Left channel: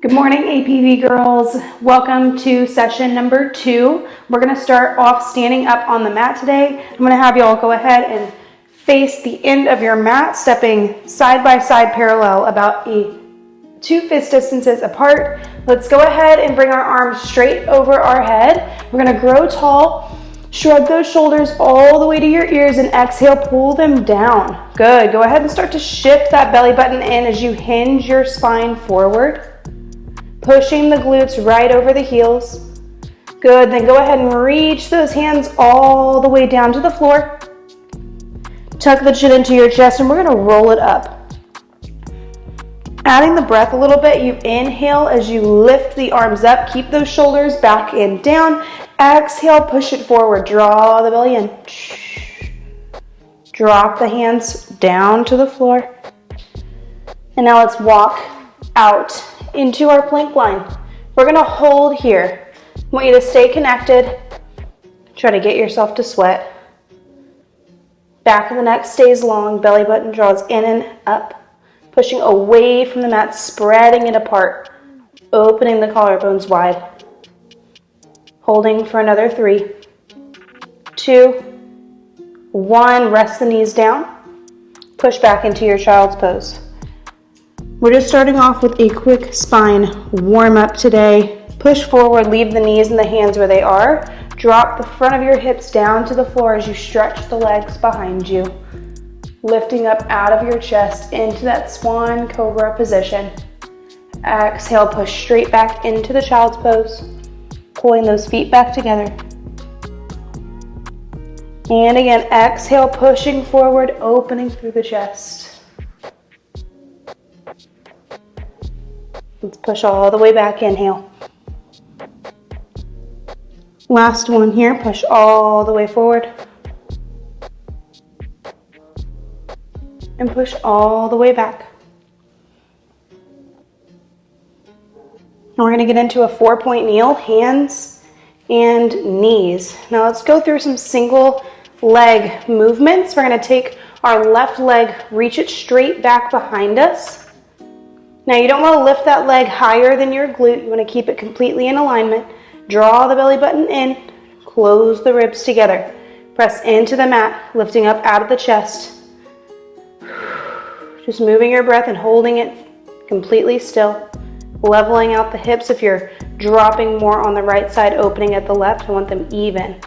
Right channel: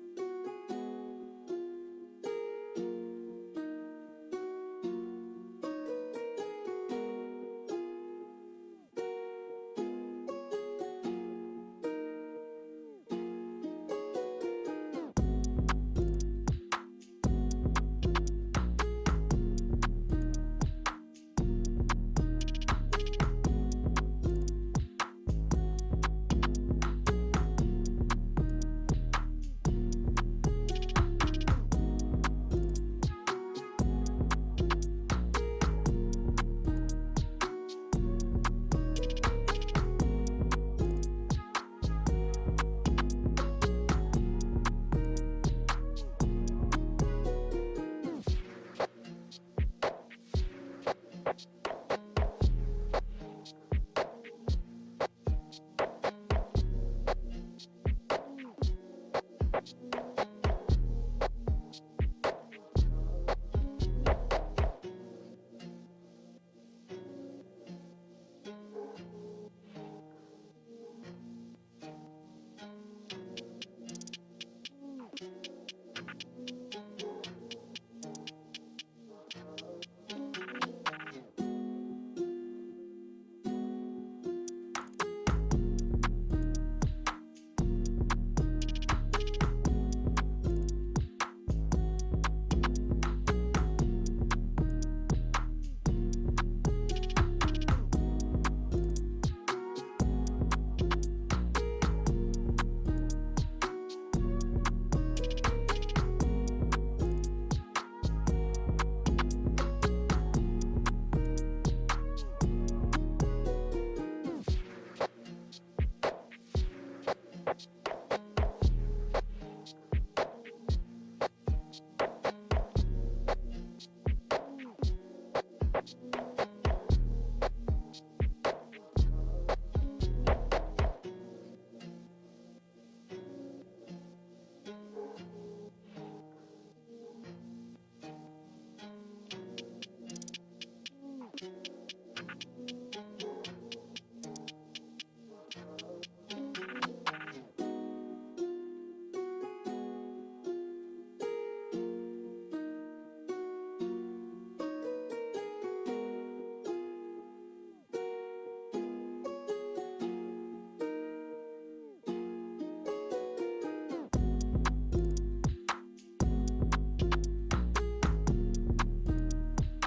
Good morning, APV girls. Welcome to session number 2. We're going to start off standing up on the mat today. I'm going to have you all go ahead and face the end of your mat, stepping side by side parallel, about 2 fist distances apart. Let's go ahead and bring our arms straight over our head. We're going to grow tall. Shrug those shoulders all the way to your ears and exhale, pull them down. Good. Go ahead and start to shift that belly button in as you hinge your spine forward. Pushing the glutes right over the heels. Good, then go ahead and reach those hands all the way down to the floor. Tuck the chin into your chest and we're gonna roll it up. Adding the breath a little bit, you inhale as you lift the arms up. Keep those shoulders back and down. Exhale, push it forward. Draw the belly in. Drop the hands down to the floor. And now let's walk out into our plank line. We're gonna hold here. I want you to stay connected. Try to get yourself to sweat. Back of the neck stays long, belly button draws in and up. Pushing away from the mat, spreading it apart. Opening the collarbones wide. Holding for another 3, 2, 1. Rest the knees down. Push back into your child's pose. We're just starting off with a quick spine warm up today. Push forward, leave the knees and the hands where they are. Drop the front of your hips down to the floor as you stretch the legs behind you. Lifting up out of your chest into that swan cobra position. Exhale, push straight back into the child's pose. Pulling those feet back together. And again, exhale, pushing forward, opening through the chest. Let's push all the way back, inhale. Last one here, push all the way forward. And push all the way back. Now we're going to get into a 4-point kneel, hands and knees. Now let's go through some single leg movements. We're going to take our left leg, reach it straight back behind us. Now you don't want to lift that leg higher than your glute. You want to keep it completely in alignment. Draw the belly button in, close the ribs together. Press into the mat, lifting up out of the chest. Just moving your breath and holding it completely still. Leveling out the hips. If you're dropping more on the right side, opening at the left, I want them even.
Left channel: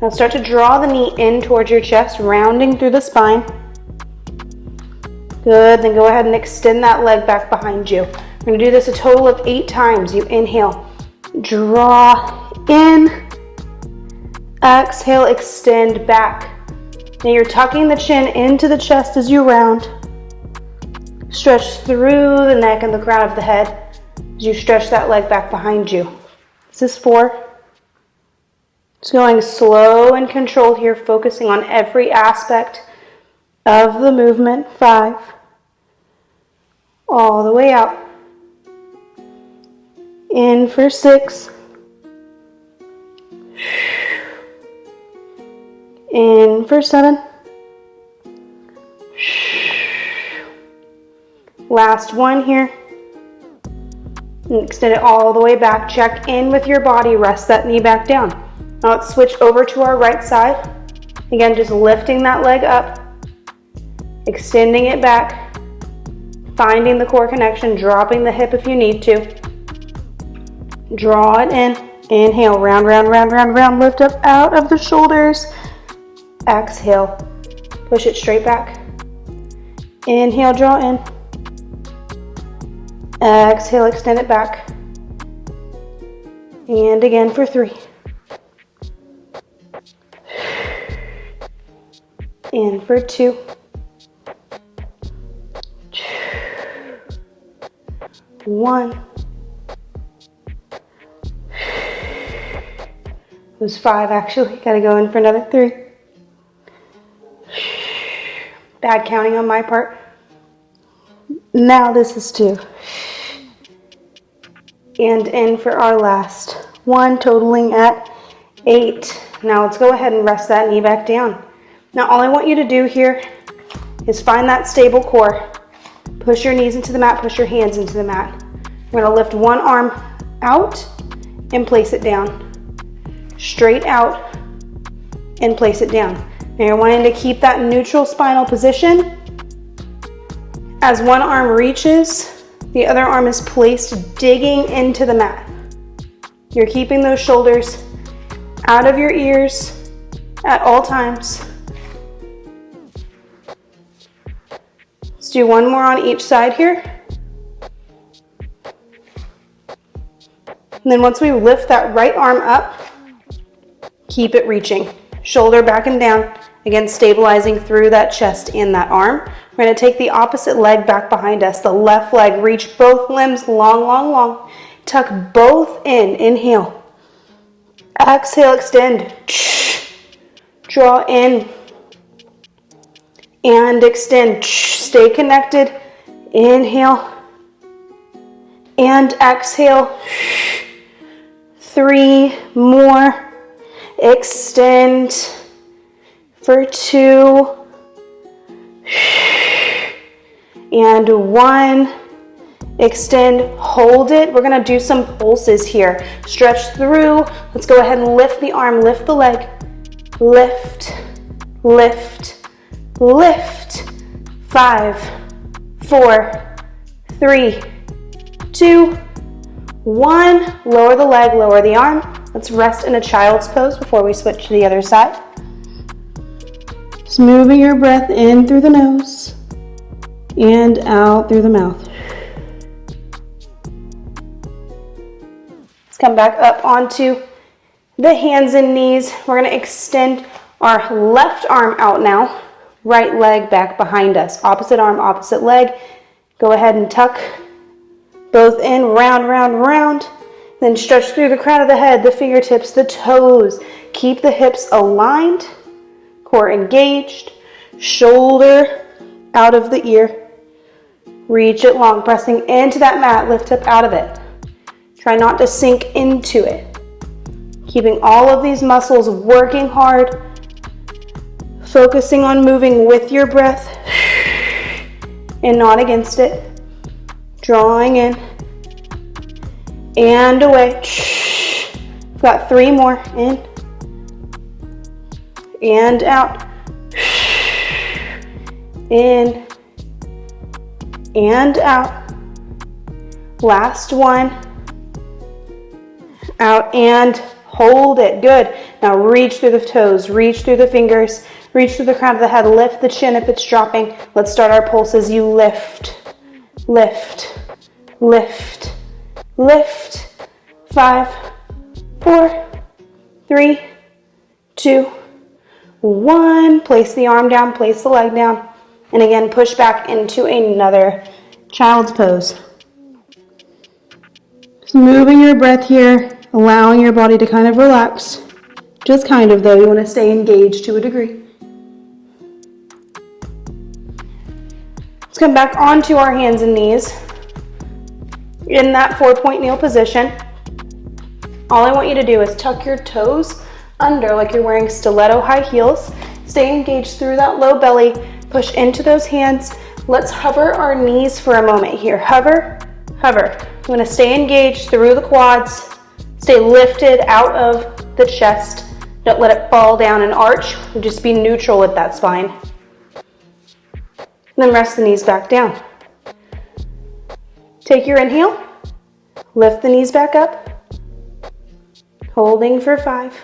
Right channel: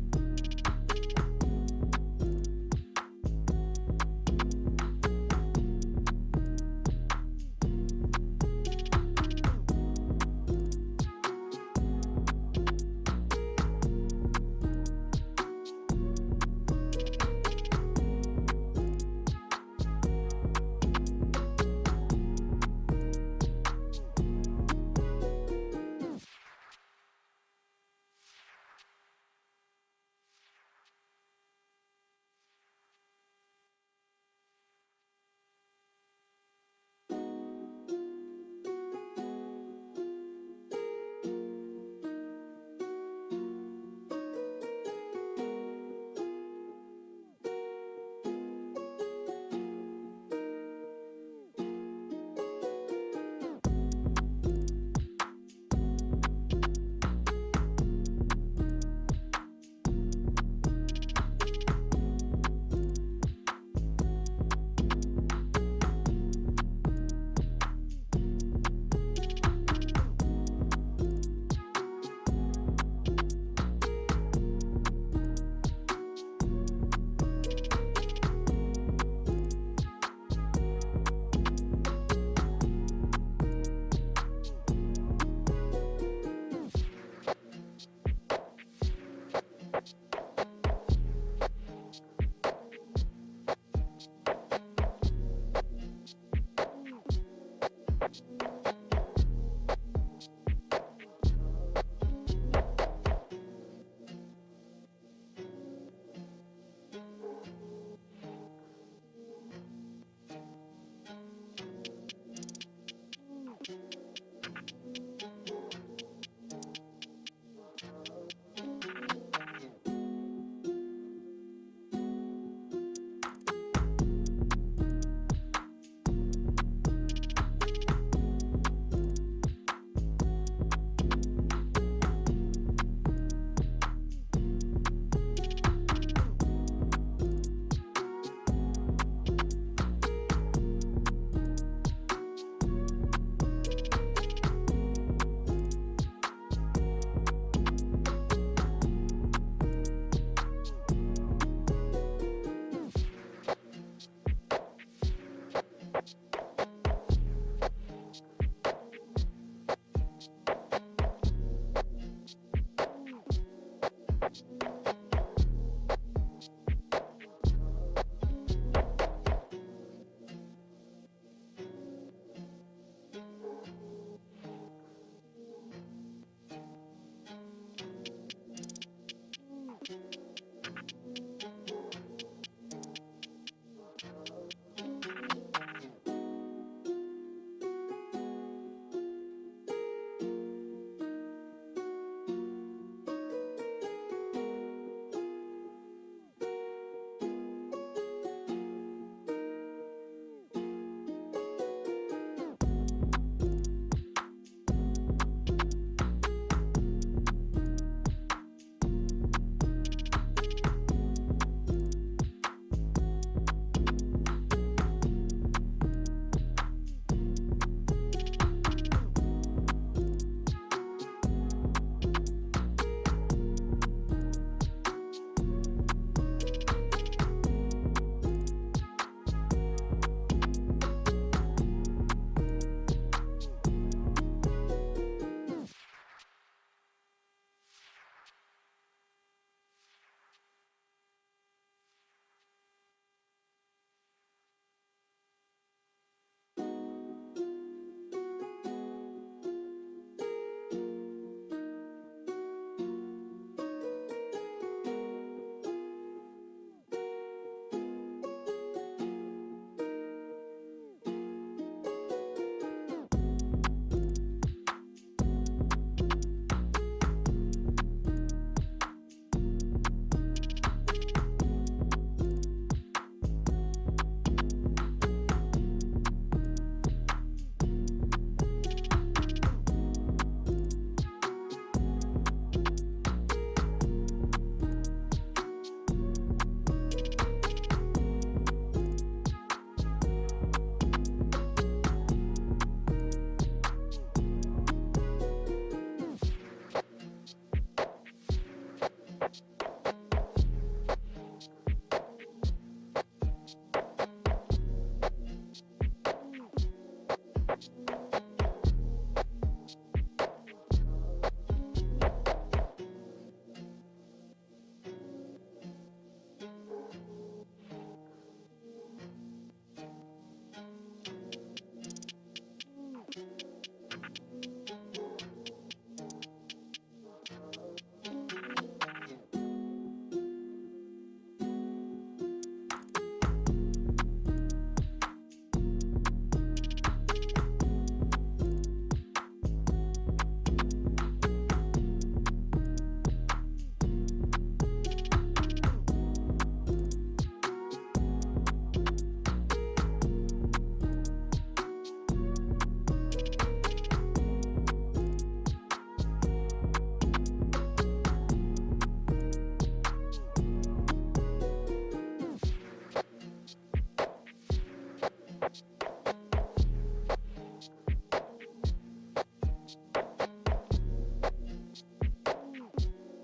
Now start to draw the knee in towards your chest, rounding through the spine. Good, then go ahead and extend that leg back behind you. We're going to do this a total of 8 times. You inhale, draw in, exhale, extend back. Now you're tucking the chin into the chest as you round. Stretch through the neck and the crown of the head as you stretch that leg back behind you. This is 4. Just going slow and controlled here, focusing on every aspect of the movement. 5. All the way out. In for 6. In for 7. Last one here. And extend it all the way back. Check in with your body. Rest that knee back down. Now let's switch over to our right side. Again, just lifting that leg up. Extending it back. Finding the core connection. Dropping the hip if you need to. Draw it in. Inhale. Round, round, round, round, round. Lift up out of the shoulders. Exhale. Push it straight back. Inhale. Draw in. Exhale, extend it back. And again for 3. And for 2. 1. It was 5 actually. Gotta go in for another 3. Bad counting on my part. Now this is 2. And in for our last 1, totaling at 8. Now let's go ahead and rest that knee back down. Now all I want you to do here is find that stable core. Push your knees into the mat, push your hands into the mat. We're gonna lift one arm out and place it down. Straight out and place it down. Now you're wanting to keep that neutral spinal position. As one arm reaches, the other arm is placed digging into the mat. You're keeping those shoulders out of your ears at all times. Let's do one more on each side here. And then once we lift that right arm up, keep it reaching. Shoulder back and down. Again, stabilizing through that chest and that arm. We're going to take the opposite leg back behind us. The left leg, reach both limbs long, long, long. Tuck both in. Inhale. Exhale, extend. Draw in. And extend. Stay connected. Inhale. And exhale. 3 more. Extend for 2. And 1. Extend, hold it. We're gonna do some pulses here. Stretch through. Let's go ahead and lift the arm, lift the leg. Lift, lift, lift. 5, 4, 3, 2, 1. Lower the leg, lower the arm. Let's rest in a child's pose before we switch to the other side. Just moving your breath in through the nose and out through the mouth. Let's come back up onto the hands and knees. We're going to extend our left arm out now. Right leg back behind us. Opposite arm, opposite leg. Go ahead and tuck both in, round, round, round. Then stretch through the crown of the head, the fingertips, the toes. Keep the hips aligned, core engaged, shoulder out of the ear. Reach it long, pressing into that mat, lift up out of it. Try not to sink into it. Keeping all of these muscles working hard, focusing on moving with your breath and not against it. Drawing in and away. We've got 3 more. In and out. In and out. Last one. Out and hold it. Good. Now reach through the toes, reach through the fingers, reach through the crown of the head, lift the chin if it's dropping. Let's start our pulses. You lift, lift, lift, lift. 5, 4, 3, 2, 1. Place the arm down, place the leg down. And again, push back into another child's pose. Just moving your breath here, allowing your body to kind of relax. Just kind of, though, you want to stay engaged to a degree. Let's come back onto our hands and knees in that 4-point kneel position. All I want you to do is tuck your toes under like you're wearing stiletto high heels. Stay engaged through that low belly. Push into those hands. Let's hover our knees for a moment here. Hover, hover. I'm going to stay engaged through the quads. Stay lifted out of the chest. Don't let it fall down and arch. Just be neutral with that spine. Then rest the knees back down. Take your inhale. Lift the knees back up. Holding for 5.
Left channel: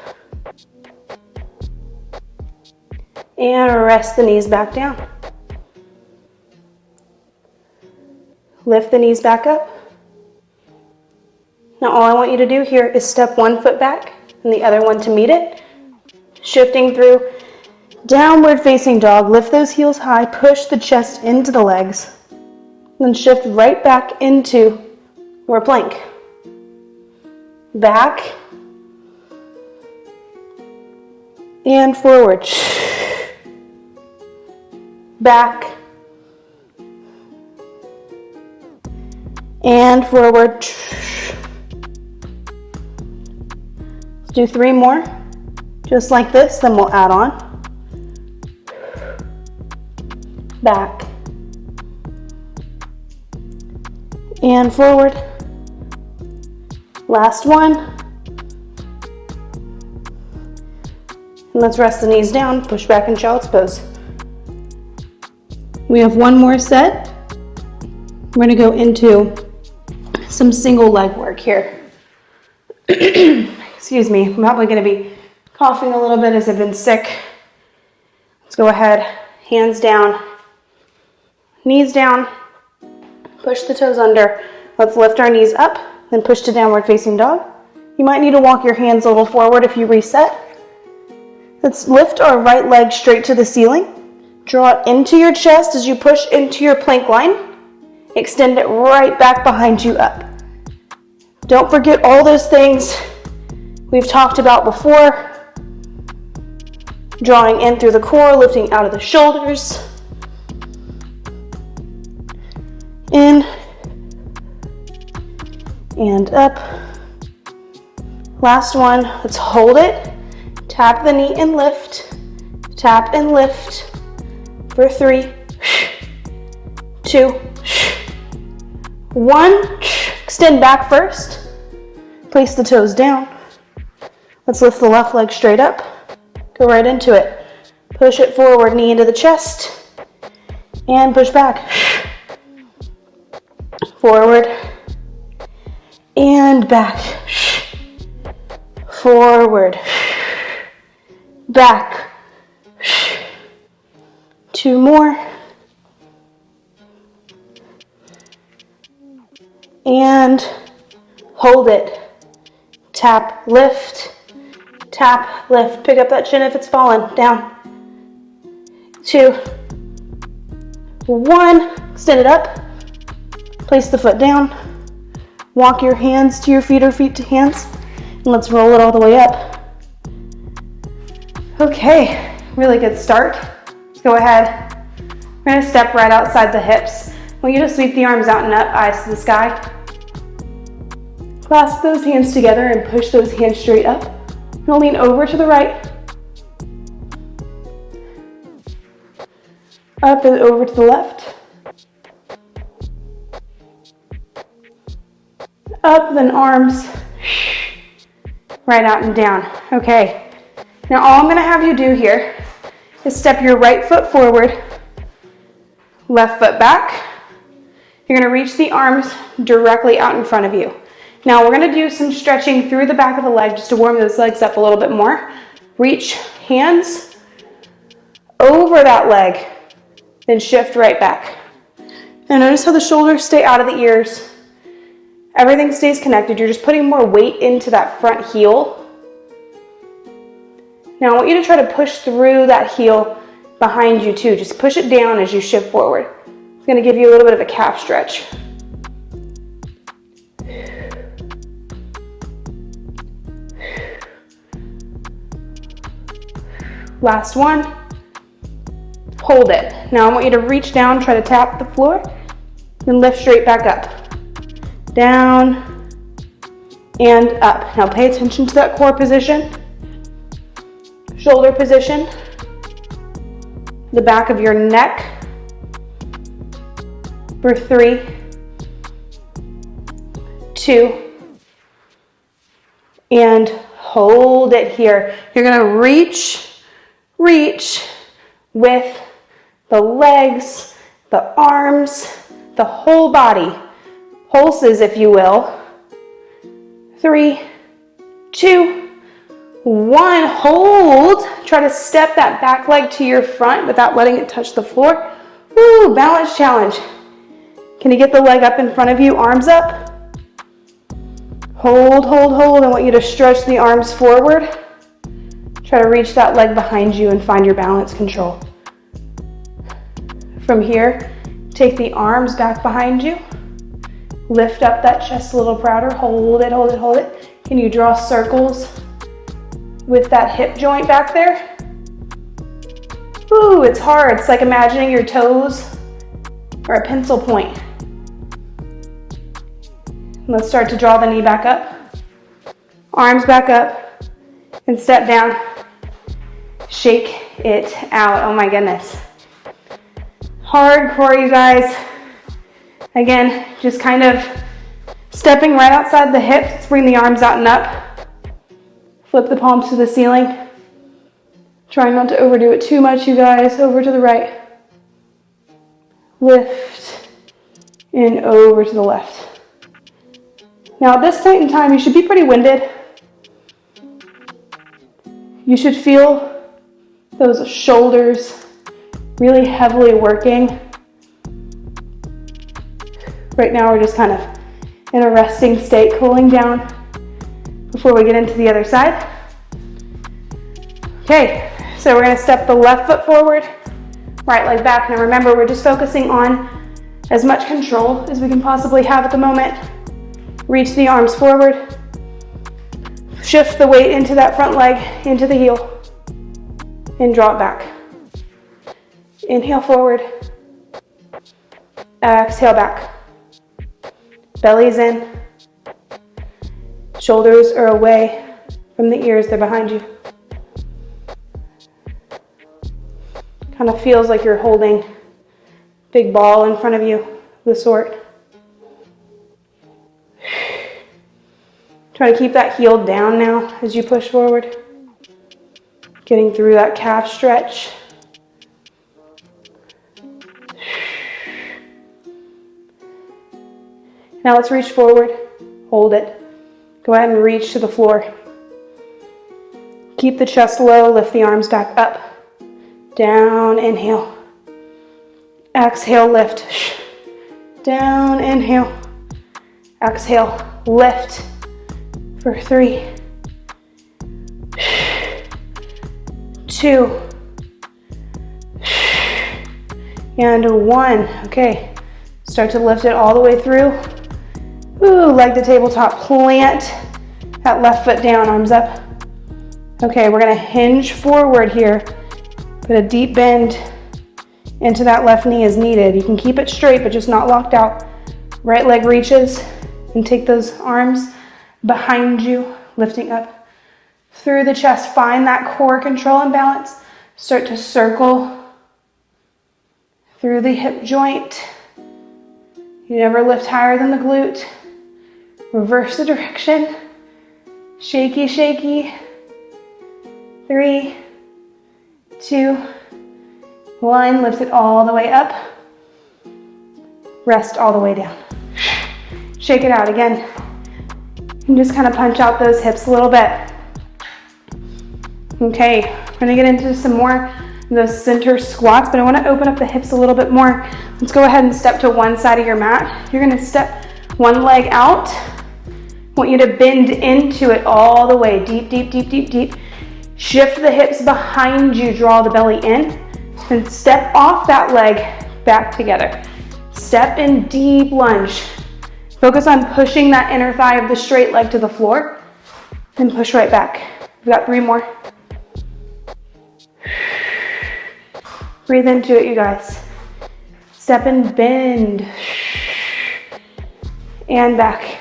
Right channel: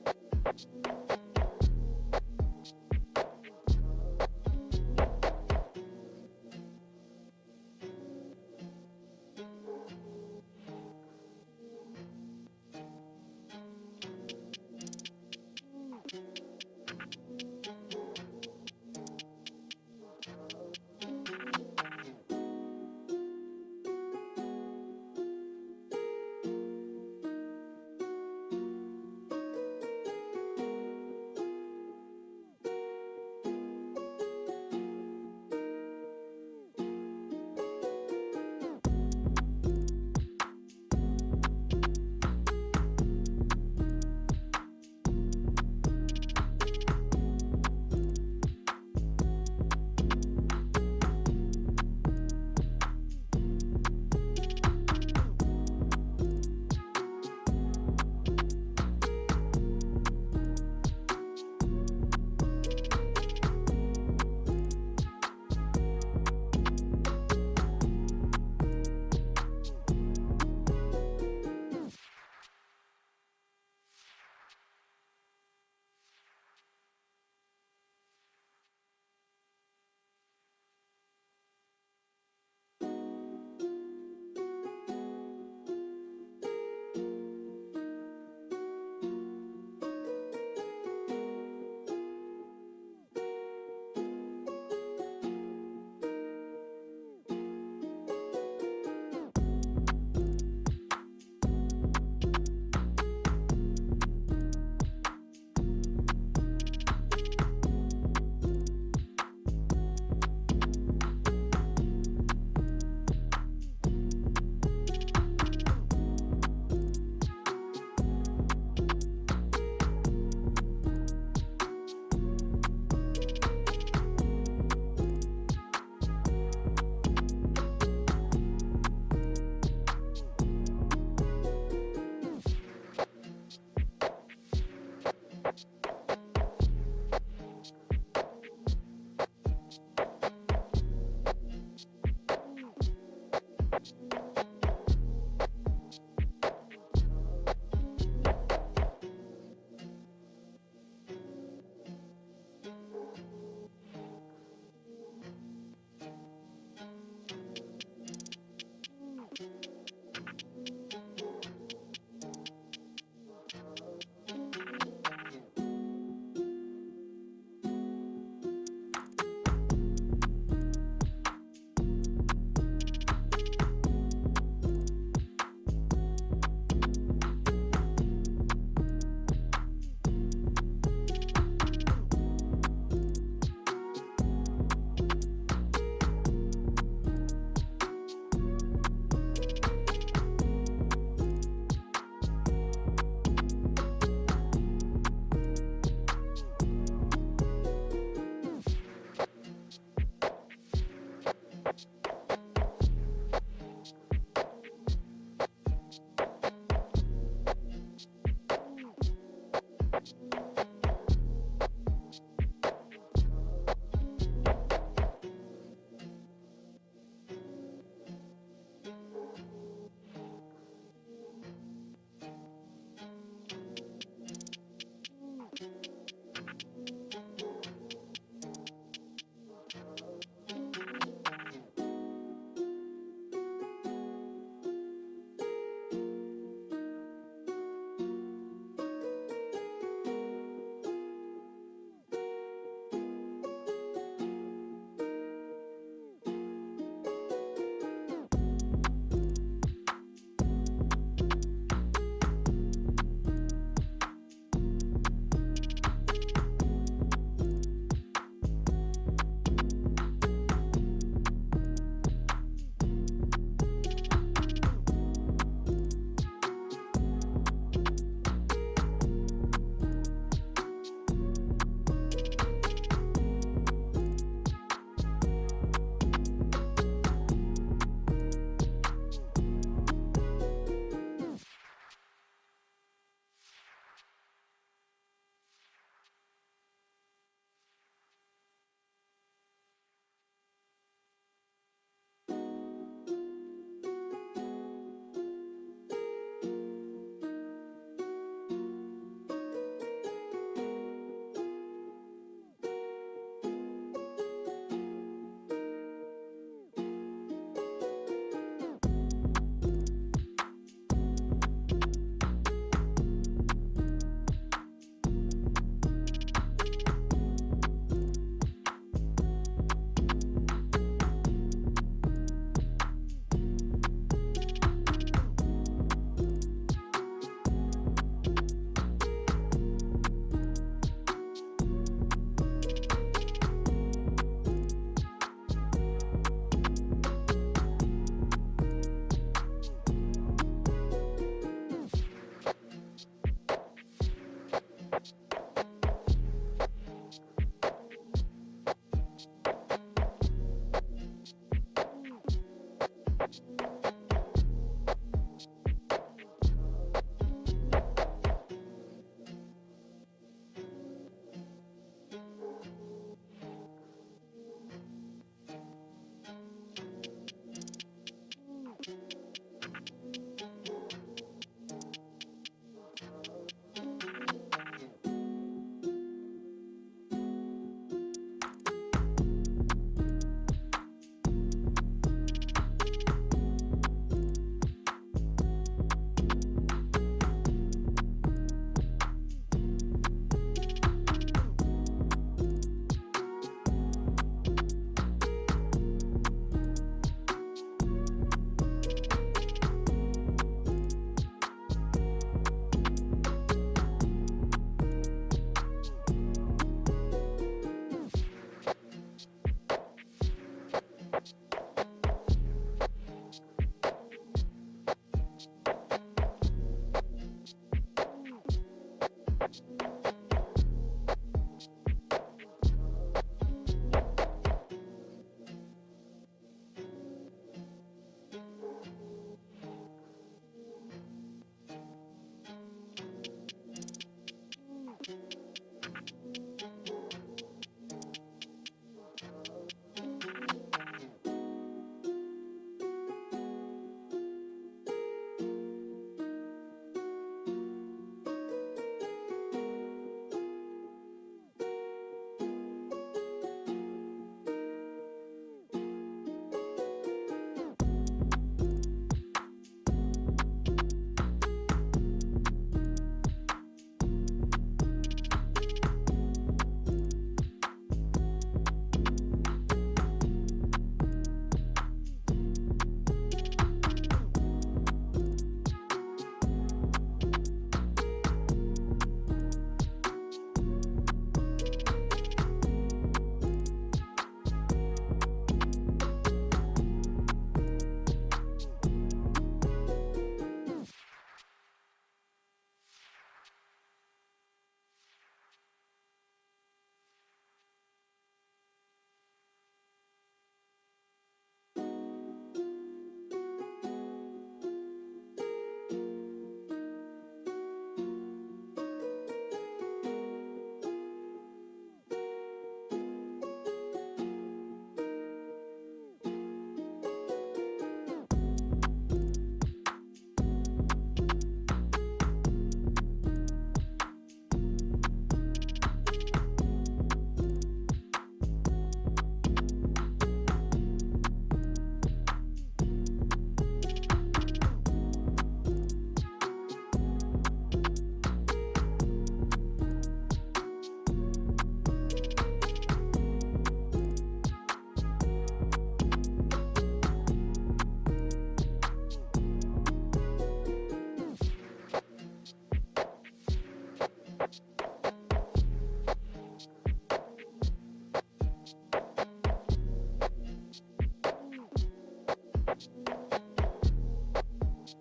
And rest the knees back down. Lift the knees back up. Now all I want you to do here is step one foot back and the other one to meet it. Shifting through downward facing dog. Lift those heels high. Push the chest into the legs. Then shift right back into your plank. Back. And forward. Back. And forward. Let's do 3 more. Just like this, then we'll add on. Back. And forward. Last one. And let's rest the knees down, push back in child's pose. We have one more set. We're gonna go into some single leg work here. Excuse me, I'm probably gonna be coughing a little bit as I've been sick. Let's go ahead, hands down, knees down, push the toes under. Let's lift our knees up, then push to downward facing dog. You might need to walk your hands a little forward if you reset. Let's lift our right leg straight to the ceiling. Draw it into your chest as you push into your plank line. Extend it right back behind you up. Don't forget all those things we've talked about before. Drawing in through the core, lifting out of the shoulders. In and up. Last one, let's hold it. Tap the knee and lift. Tap and lift. For 3, 2, 1. Extend back first. Place the toes down. Let's lift the left leg straight up. Go right into it. Push it forward, knee into the chest. And push back. Forward. And back. Forward. Back. 2 more. And hold it. Tap, lift. Tap, lift. Pick up that chin if it's fallen. Down. 2, 1. Extend it up. Place the foot down. Walk your hands to your feet or feet to hands. And let's roll it all the way up. Okay, really good start. Go ahead. We're going to step right outside the hips. I want you to sweep the arms out and up, eyes to the sky. Clasp those hands together and push those hands straight up. Now lean over to the right. Up and over to the left. Up, then arms. Right out and down. Okay. Now all I'm going to have you do here is step your right foot forward, left foot back. You're going to reach the arms directly out in front of you. Now we're going to do some stretching through the back of the leg just to warm those legs up a little bit more. Reach hands over that leg, then shift right back. Now notice how the shoulders stay out of the ears. Everything stays connected. You're just putting more weight into that front heel. Now I want you to try to push through that heel behind you too. Just push it down as you shift forward. It's going to give you a little bit of a calf stretch. Last one. Hold it. Now I want you to reach down, try to tap the floor, then lift straight back up. Down and up. Now pay attention to that core position. Shoulder position, the back of your neck for 3, 2, and hold it here. You're going to reach with the legs, the arms, the whole body, pulses if you will. 3, 2, 1, hold. Try to step that back leg to your front without letting it touch the floor. Woo, balance challenge. Can you get the leg up in front of you, arms up? Hold, hold, hold. I want you to stretch the arms forward. Try to reach that leg behind you and find your balance control. From here, take the arms back behind you. Lift up that chest a little prouder. Hold it, hold it, hold it. Can you draw circles with that hip joint back there? Ooh, it's hard. It's like imagining your toes are a pencil point. Let's start to draw the knee back up. Arms back up and step down. Shake it out. Oh my goodness. Hardcore, you guys. Again, just kind of Stepping right outside the hips, let's bring the arms out and up. Flip the palms to the ceiling. Trying not to overdo it too much, you guys. Over to the right. Lift and over to the left. Now at this point in time, you should be pretty winded. You should feel those shoulders really heavily working. Right now we're just kind of in a resting state, cooling down before we get into the other side. Okay, so we're gonna step the left foot forward, right leg back. Now remember, we're just focusing on as much control as we can possibly have at the moment. Reach the arms forward. Shift the weight into that front leg, into the heel, and draw it back. Inhale forward. Exhale back. Belly's in. Shoulders are away from the ears, they're behind you. Kind of feels like you're holding a big ball in front of you, the sort. Try to keep that heel down now as you push forward. Getting through that calf stretch. Now let's reach forward, hold it. Go ahead and reach to the floor. Keep the chest low, lift the arms back up. Down, inhale. Exhale, lift. Down, inhale. Exhale, lift. For 3, 2, and 1. Okay, start to lift it all the way through. Ooh, leg to tabletop, plant that left foot down, arms up. Okay, we're gonna hinge forward here. Put a deep bend into that left knee as needed. You can keep it straight, but just not locked out. Right leg reaches, and take those arms behind you, lifting up through the chest. Find that core control and balance. Start to circle through the hip joint. You never lift higher than the glute. Reverse the direction. Shaky, shaky. 3, 2, 1. Lift it all the way up. Rest all the way down. Shake it out again. And just kind of punch out those hips a little bit. Okay, we're gonna get into some more of those center squats, but I wanna open up the hips a little bit more. Let's go ahead and step to one side of your mat. You're gonna step one leg out. I want you to bend into it all the way, deep, deep, deep, deep, deep. Shift the hips behind you, draw the belly in, and step off that leg back together. Step in deep lunge. Focus on pushing that inner thigh of the straight leg to the floor and push right back. We've got 3 more. Breathe into it, you guys. Step and bend. And back.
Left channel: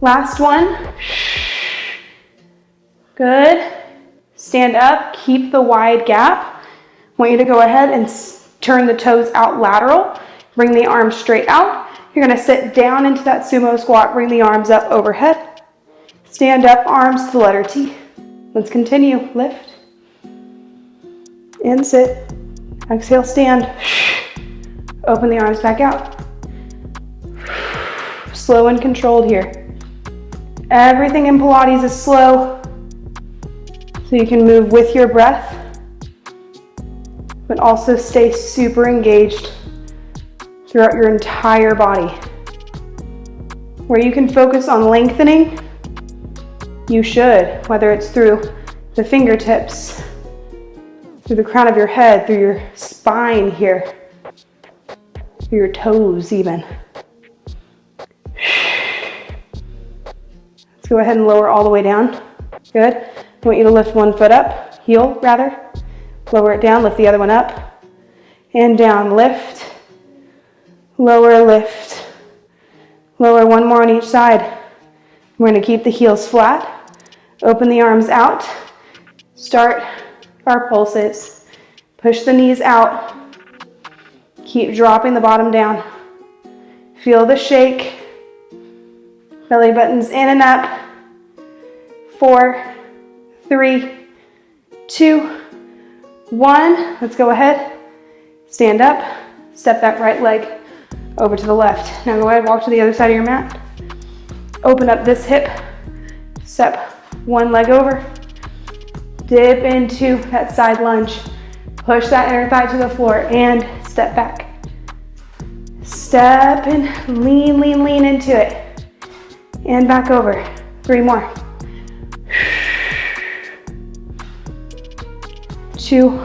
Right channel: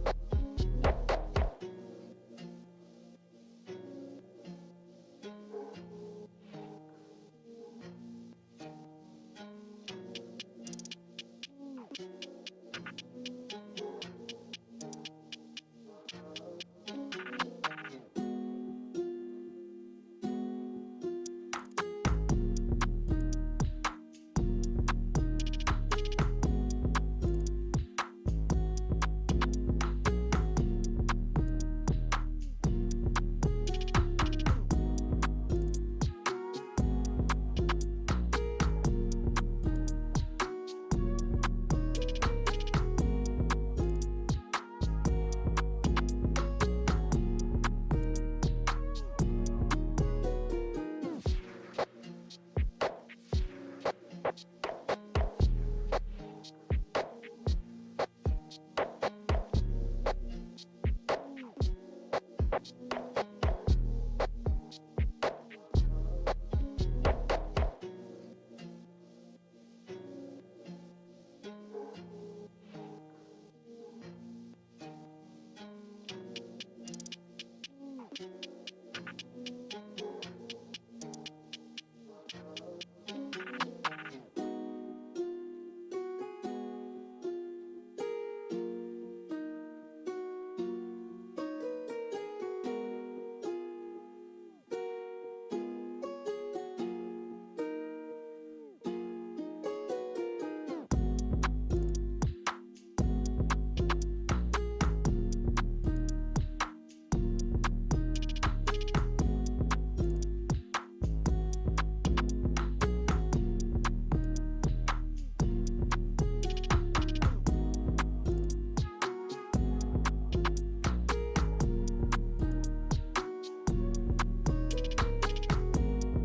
Last one. Good. Stand up, keep the wide gap. I want you to go ahead and turn the toes out lateral. Bring the arms straight out. You're gonna sit down into that sumo squat, bring the arms up overhead. Stand up, arms to the letter T. Let's continue, lift. And sit. Exhale, stand. Open the arms back out. Slow and controlled here. Everything in Pilates is slow, so you can move with your breath, but also stay super engaged throughout your entire body. Where you can focus on lengthening, you should, whether it's through the fingertips, through the crown of your head, through your spine here, through your toes even. Let's go ahead and lower all the way down. Good. I want you to lift one foot up, heel rather. Lower it down, lift the other one up. And down, lift. Lower, lift. Lower, one more on each side. We're gonna keep the heels flat. Open the arms out. Start our pulses. Push the knees out. Keep dropping the bottom down. Feel the shake. Belly buttons in and up. 4, 3, 2, 1. Let's go ahead. Stand up. Step that right leg over to the left. Now go ahead, walk to the other side of your mat. Open up this hip. Step one leg over. Dip into that side lunge. Push that inner thigh to the floor and step back. Step and lean, lean, lean into it. And back over. 3 more. 2.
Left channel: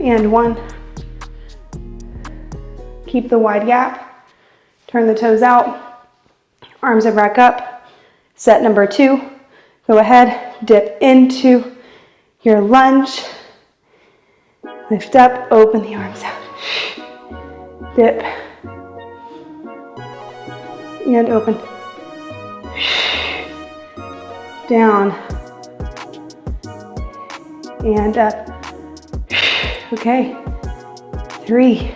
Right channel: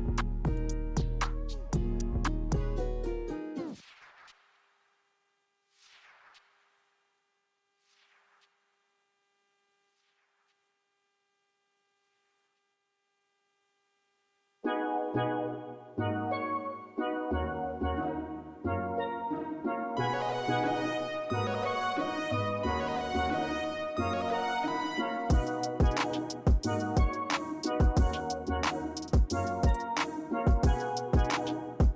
And 1. Keep the wide gap. Turn the toes out. Arms are back up. Set number 2. Go ahead, dip into your lunge. Lift up, open the arms out. Dip. And open. Down. And up. Okay. 3.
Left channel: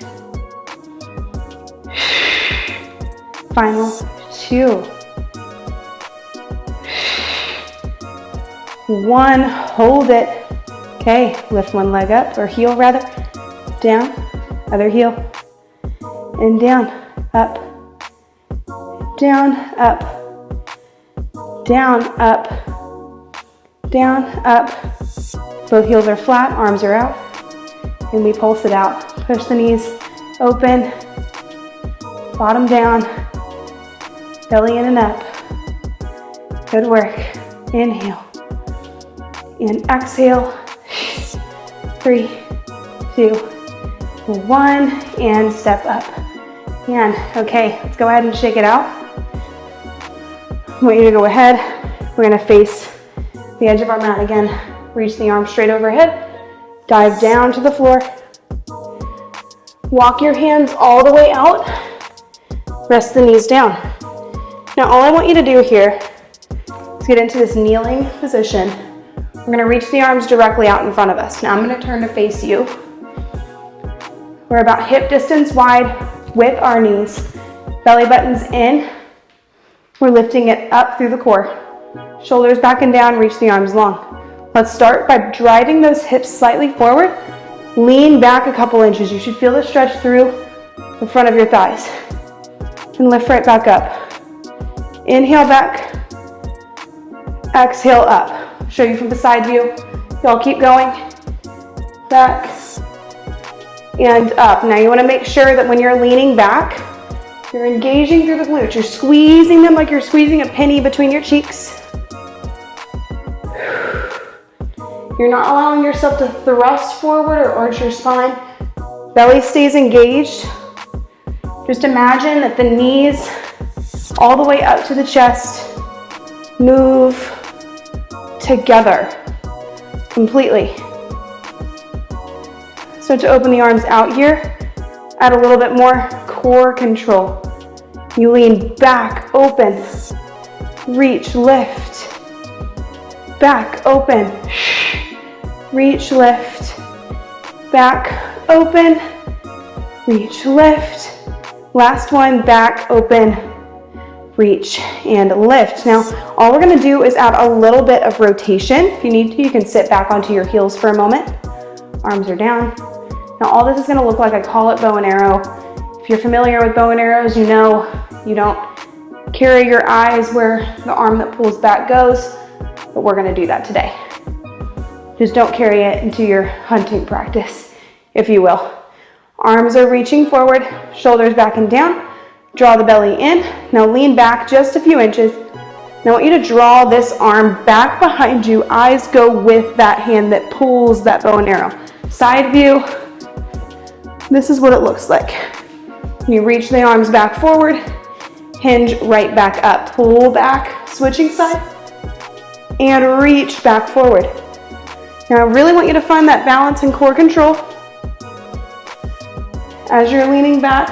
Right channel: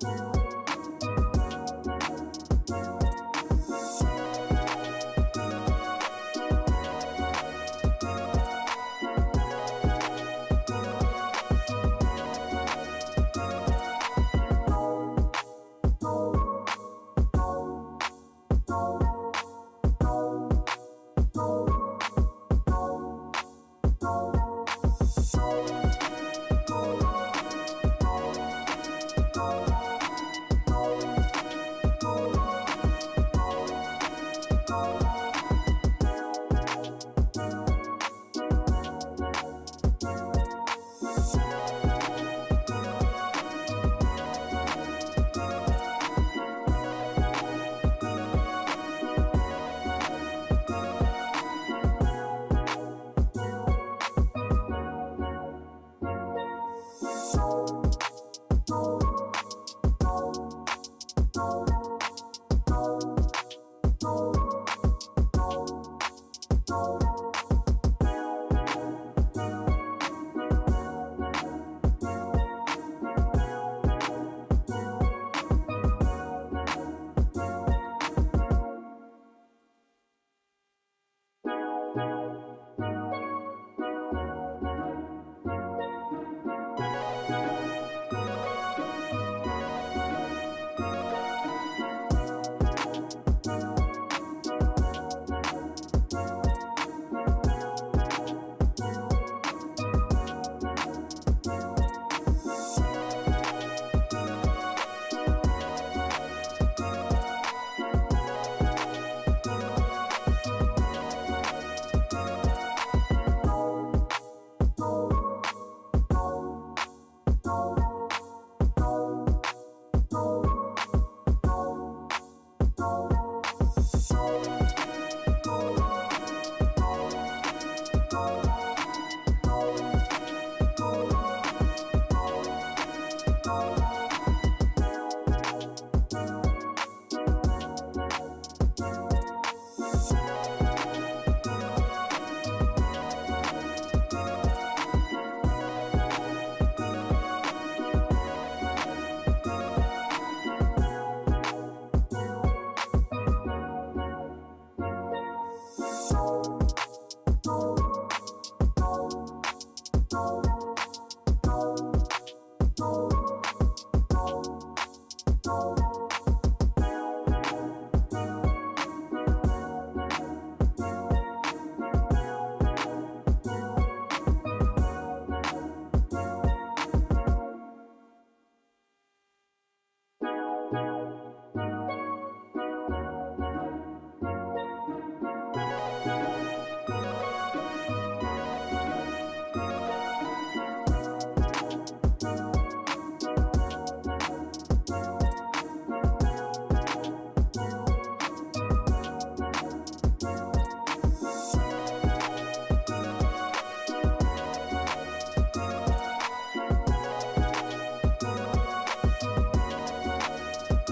Final 2. 1, hold it. Okay, lift one leg up, or heel rather. Down, other heel. And down, up. Down, up. Down, up. Down, up. Both heels are flat, arms are out. And we pulse it out. Push the knees open. Bottom down. Belly in and up. Good work. Inhale. And exhale. 3, 2, 1. And step up. And okay, let's go ahead and shake it out. I want you to go ahead. We're going to face the edge of our mat again. Reach the arms straight overhead. Dive down to the floor. Walk your hands all the way out. Rest the knees down. Now all I want you to do here is get into this kneeling position. We're going to reach the arms directly out in front of us. Now I'm going to turn to face you. We're about hip distance wide with our knees. Belly buttons in. We're lifting it up through the core. Shoulders back and down, reach the arms long. Let's start by driving those hips slightly forward. Lean back a couple inches. You should feel the stretch through the front of your thighs. And lift right back up. Inhale back. Exhale up. Show you from the side view. Y'all keep going. Back and up. Now you want to make sure that when you're leaning back, you're engaging through the glutes. You're squeezing them like you're squeezing a penny between your cheeks. You're not allowing yourself to thrust forward or arch your spine. Belly stays engaged. Just imagine that the knees all the way up to the chest move together completely. So to open the arms out here, add a little bit more core control. You lean back, open, reach, lift, back, open, reach, lift, back, open, reach, lift. Last one, back, open, reach, and lift. Now, all we're gonna do is add a little bit of rotation. If you need to, you can sit back onto your heels for a moment. Arms are down. Now, all this is gonna look like, I call it bow and arrow. If you're familiar with bow and arrows, you know you don't carry your eyes where the arm that pulls back goes, but we're gonna do that today. Just don't carry it into your hunting practice, if you will. Arms are reaching forward, shoulders back and down. Draw the belly in. Now lean back just a few inches. Now I want you to draw this arm back behind you. Eyes go with that hand that pulls that bow and arrow. Side view. This is what it looks like. You reach the arms back forward, hinge right back up. Pull back, switching side, and reach back forward. Now I really want you to find that balance and core control. As you're leaning back,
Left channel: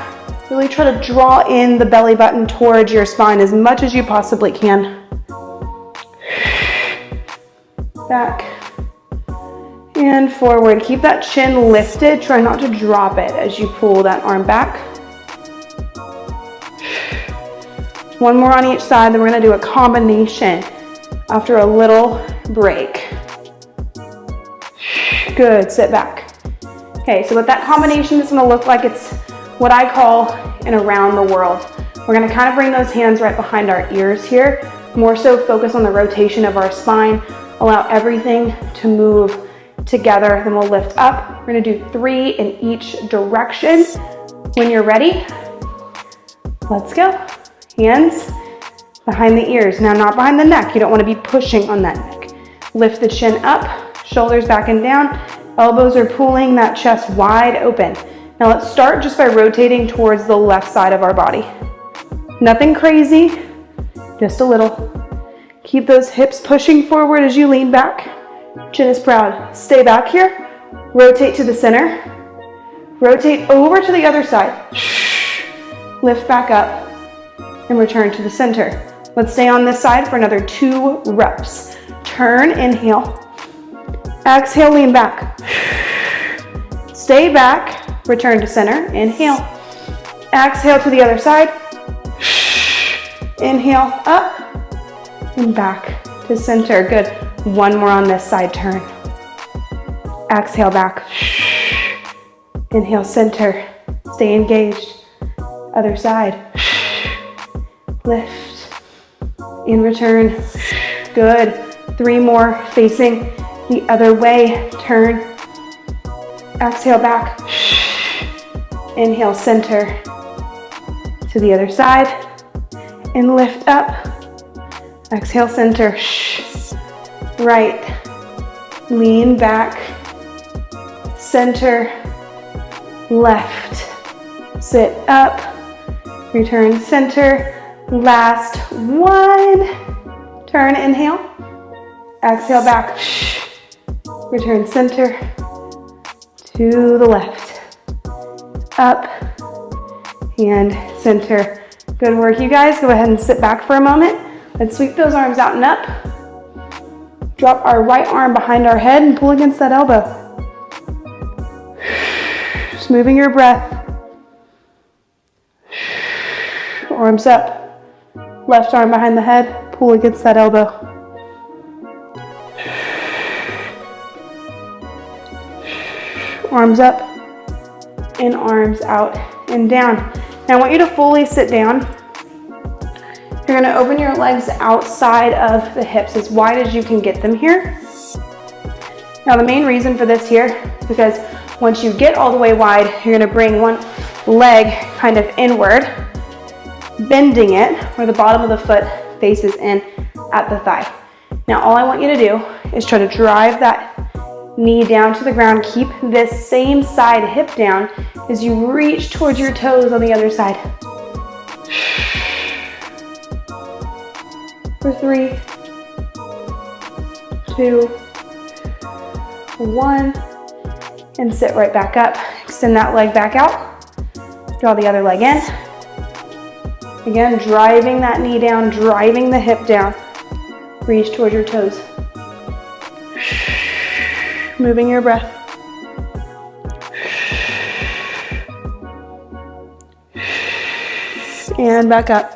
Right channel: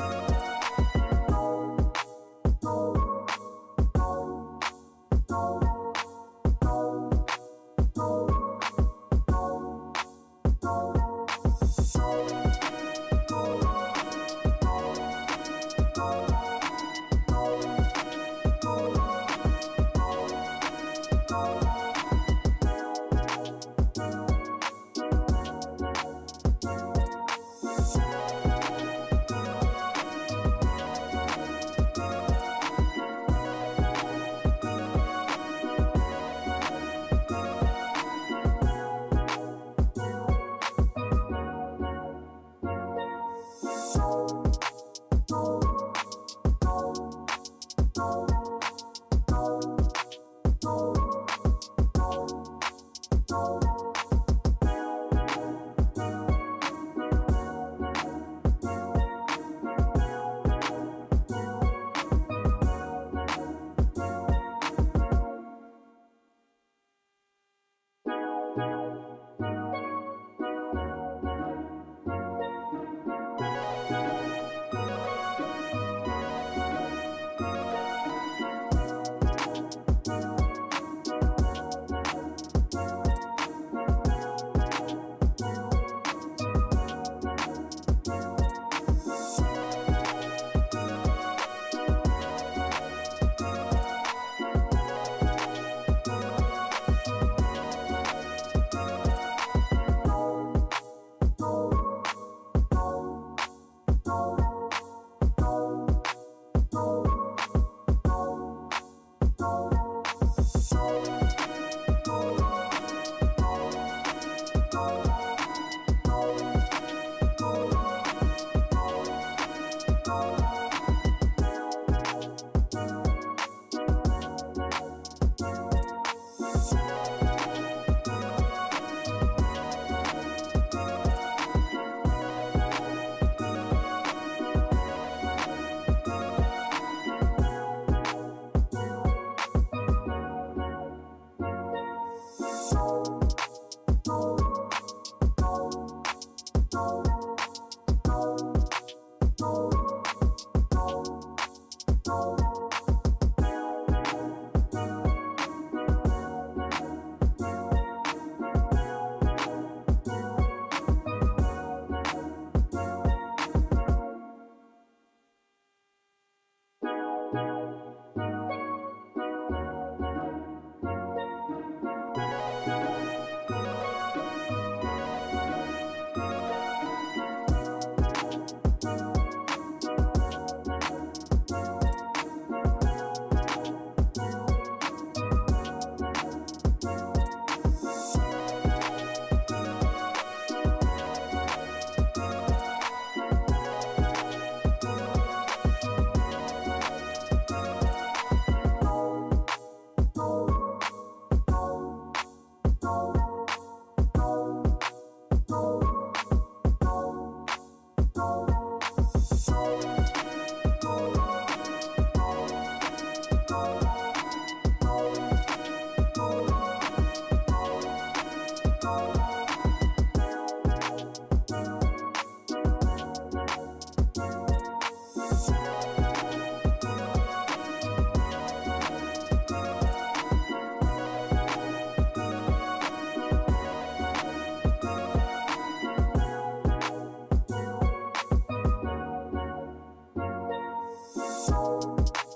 really try to draw in the belly button towards your spine as much as you possibly can. Back and forward. Keep that chin lifted. Try not to drop it as you pull that arm back. One more on each side, then we're gonna do a combination after a little break. Good, sit back. Okay, so what that combination is gonna look like, it's what I call an around the world. We're gonna kind of bring those hands right behind our ears here, more so focus on the rotation of our spine, allow everything to move together, then we'll lift up. We're gonna do 3 in each direction. When you're ready, let's go. Hands behind the ears. Now, not behind the neck. You don't want to be pushing on that neck. Lift the chin up, shoulders back and down. Elbows are pulling that chest wide open. Now let's start just by rotating towards the left side of our body. Nothing crazy, just a little. Keep those hips pushing forward as you lean back. Chin is proud. Stay back here. Rotate to the center. Rotate over to the other side. Lift back up and return to the center. Let's stay on this side for another 2 reps. Turn, inhale. Exhale, lean back. Stay back, return to center, inhale. Exhale to the other side. Inhale, up and back to center. Good. One more on this side, turn. Exhale back. Inhale, center. Stay engaged. Other side. Lift. In return. Good. 3 more facing the other way. Turn. Exhale back. Inhale, center. To the other side. And lift up. Exhale, center. Right. Lean back. Center. Left. Sit up. Return center. Last one. Turn, inhale. Exhale back. Return center. To the left. Up. And center. Good work, you guys. Go ahead and sit back for a moment. Let's sweep those arms out and up. Drop our right arm behind our head and pull against that elbow. Just moving your breath. Arms up. Left arm behind the head, pull against that elbow. Arms up and arms out and down. Now I want you to fully sit down. You're gonna open your legs outside of the hips as wide as you can get them here. Now the main reason for this here is because once you get all the way wide, you're gonna bring one leg kind of inward, bending it where the bottom of the foot faces in at the thigh. Now all I want you to do is try to drive that knee down to the ground. Keep this same side hip down as you reach towards your toes on the other side. For 3, 2, 1, and sit right back up. Extend that leg back out. Draw the other leg in. Again, driving that knee down, driving the hip down. Reach toward your toes. Moving your breath. And back up.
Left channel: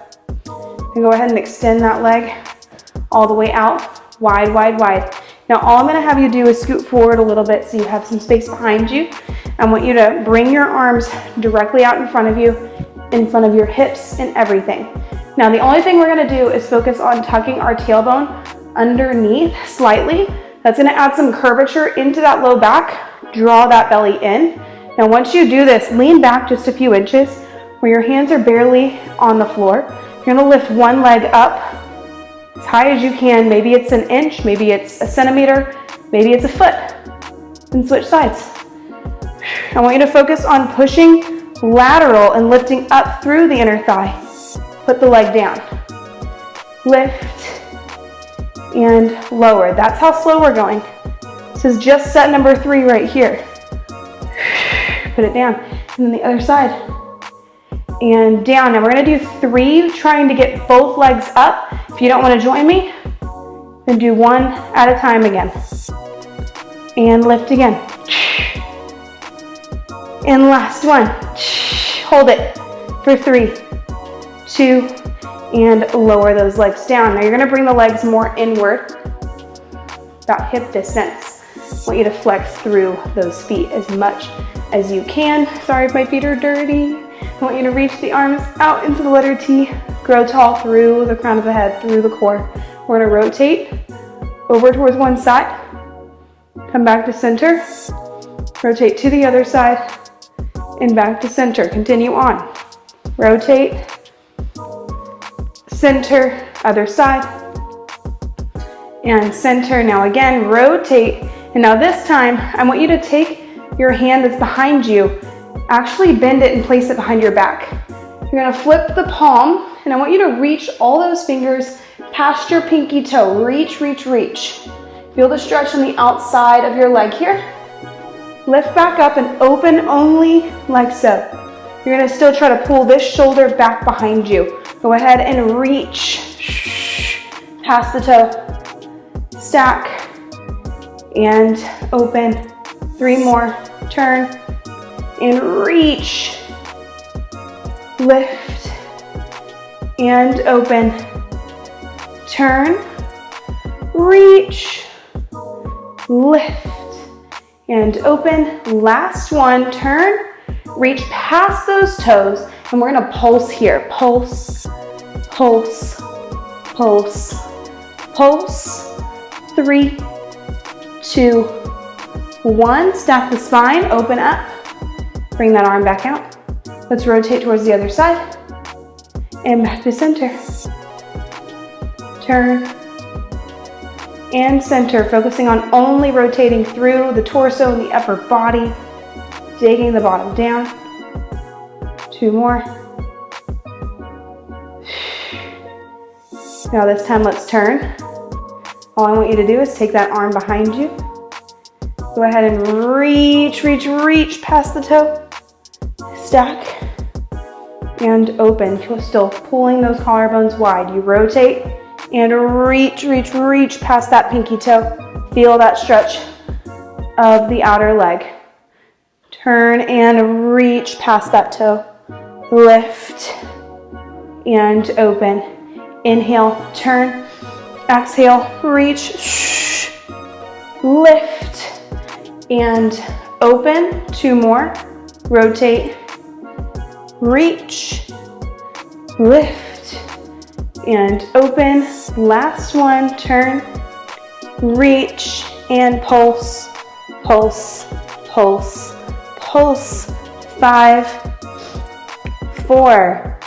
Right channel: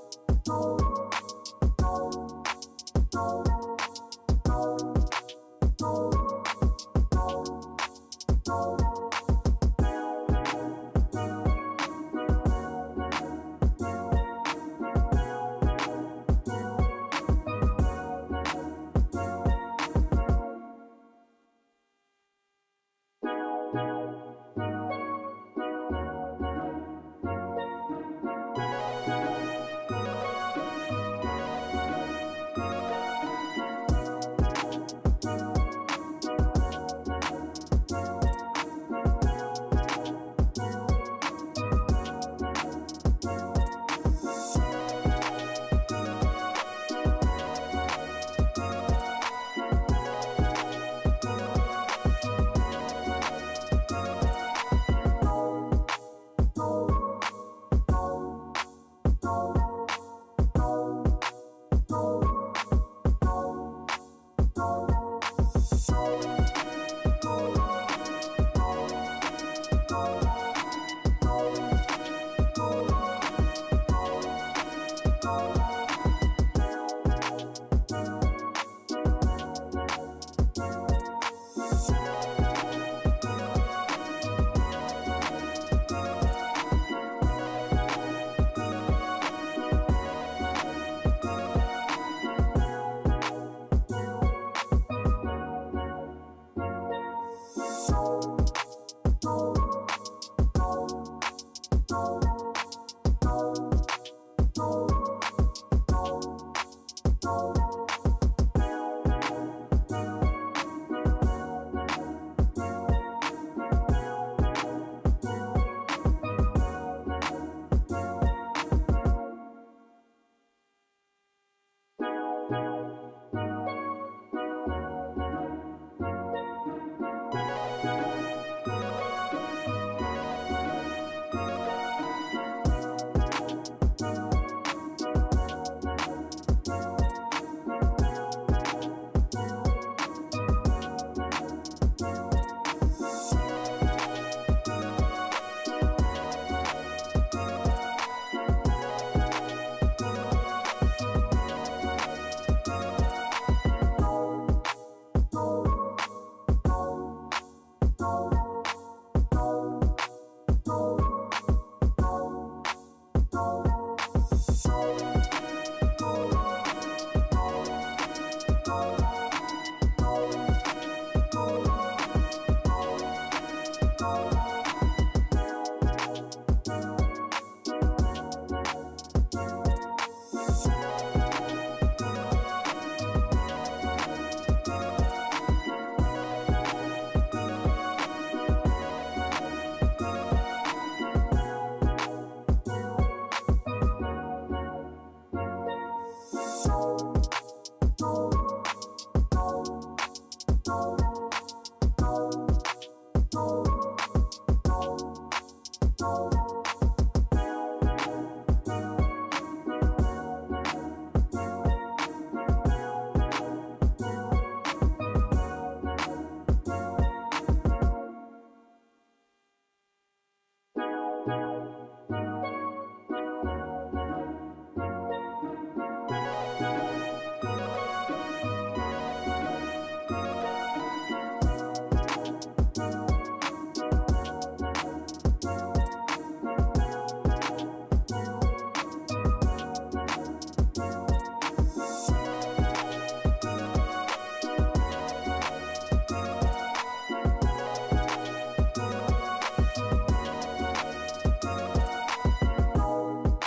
And go ahead and extend that leg all the way out, wide, wide, wide. Now all I'm gonna have you do is scoot forward a little bit so you have some space behind you. I want you to bring your arms directly out in front of you, in front of your hips and everything. Now the only thing we're gonna do is focus on tucking our tailbone underneath slightly. That's gonna add some curvature into that low back, draw that belly in. Now once you do this, lean back just a few inches where your hands are barely on the floor. You're gonna lift one leg up as high as you can. Maybe it's an inch, maybe it's a centimeter, maybe it's a foot. And switch sides. I want you to focus on pushing lateral and lifting up through the inner thigh. Put the leg down. Lift and lower. That's how slow we're going. This is just set number 3 right here. Put it down. And then the other side. And down. Now we're gonna do 3, trying to get both legs up. If you don't wanna join me, then do 1 at a time again. And lift again. And last one. Hold it for 3, 2, and lower those legs down. Now you're gonna bring the legs more inward, about hip distance. I want you to flex through those feet as much as you can. Sorry if my feet are dirty. I want you to reach the arms out into the letter T, grow tall through the crown of the head, through the core. We're gonna rotate over towards one side, come back to center, rotate to the other side, and back to center. Continue on. Rotate, center, other side, and center. Now again, rotate. And now this time, I want you to take your hand that's behind you, actually bend it and place it behind your back. You're gonna flip the palm, and I want you to reach all those fingers past your pinky toe. Reach, reach, reach. Feel the stretch on the outside of your leg here. Lift back up and open only like so. You're gonna still try to pull this shoulder back behind you. Go ahead and reach past the toe. Stack and open. 3 more. Turn and reach. Lift and open. Turn, reach, lift, and open. Last one, turn, reach past those toes, and we're gonna pulse here. Pulse, pulse, pulse, pulse. 3, 2, 1. Stack the spine, open up. Bring that arm back out. Let's rotate towards the other side. And back to center. Turn and center, focusing on only rotating through the torso and the upper body, digging the bottom down. 2 more. Now this time let's turn. All I want you to do is take that arm behind you. Go ahead and reach, reach, reach past the toe. Stack and open. You're still pulling those collarbones wide. You rotate and reach, reach, reach past that pinky toe. Feel that stretch of the outer leg. Turn and reach past that toe. Lift and open. Inhale, turn. Exhale, reach. Lift and open. 2 more. Rotate, reach, lift, and open. Last one, turn, reach, and pulse, pulse, pulse, pulse. 5, 4,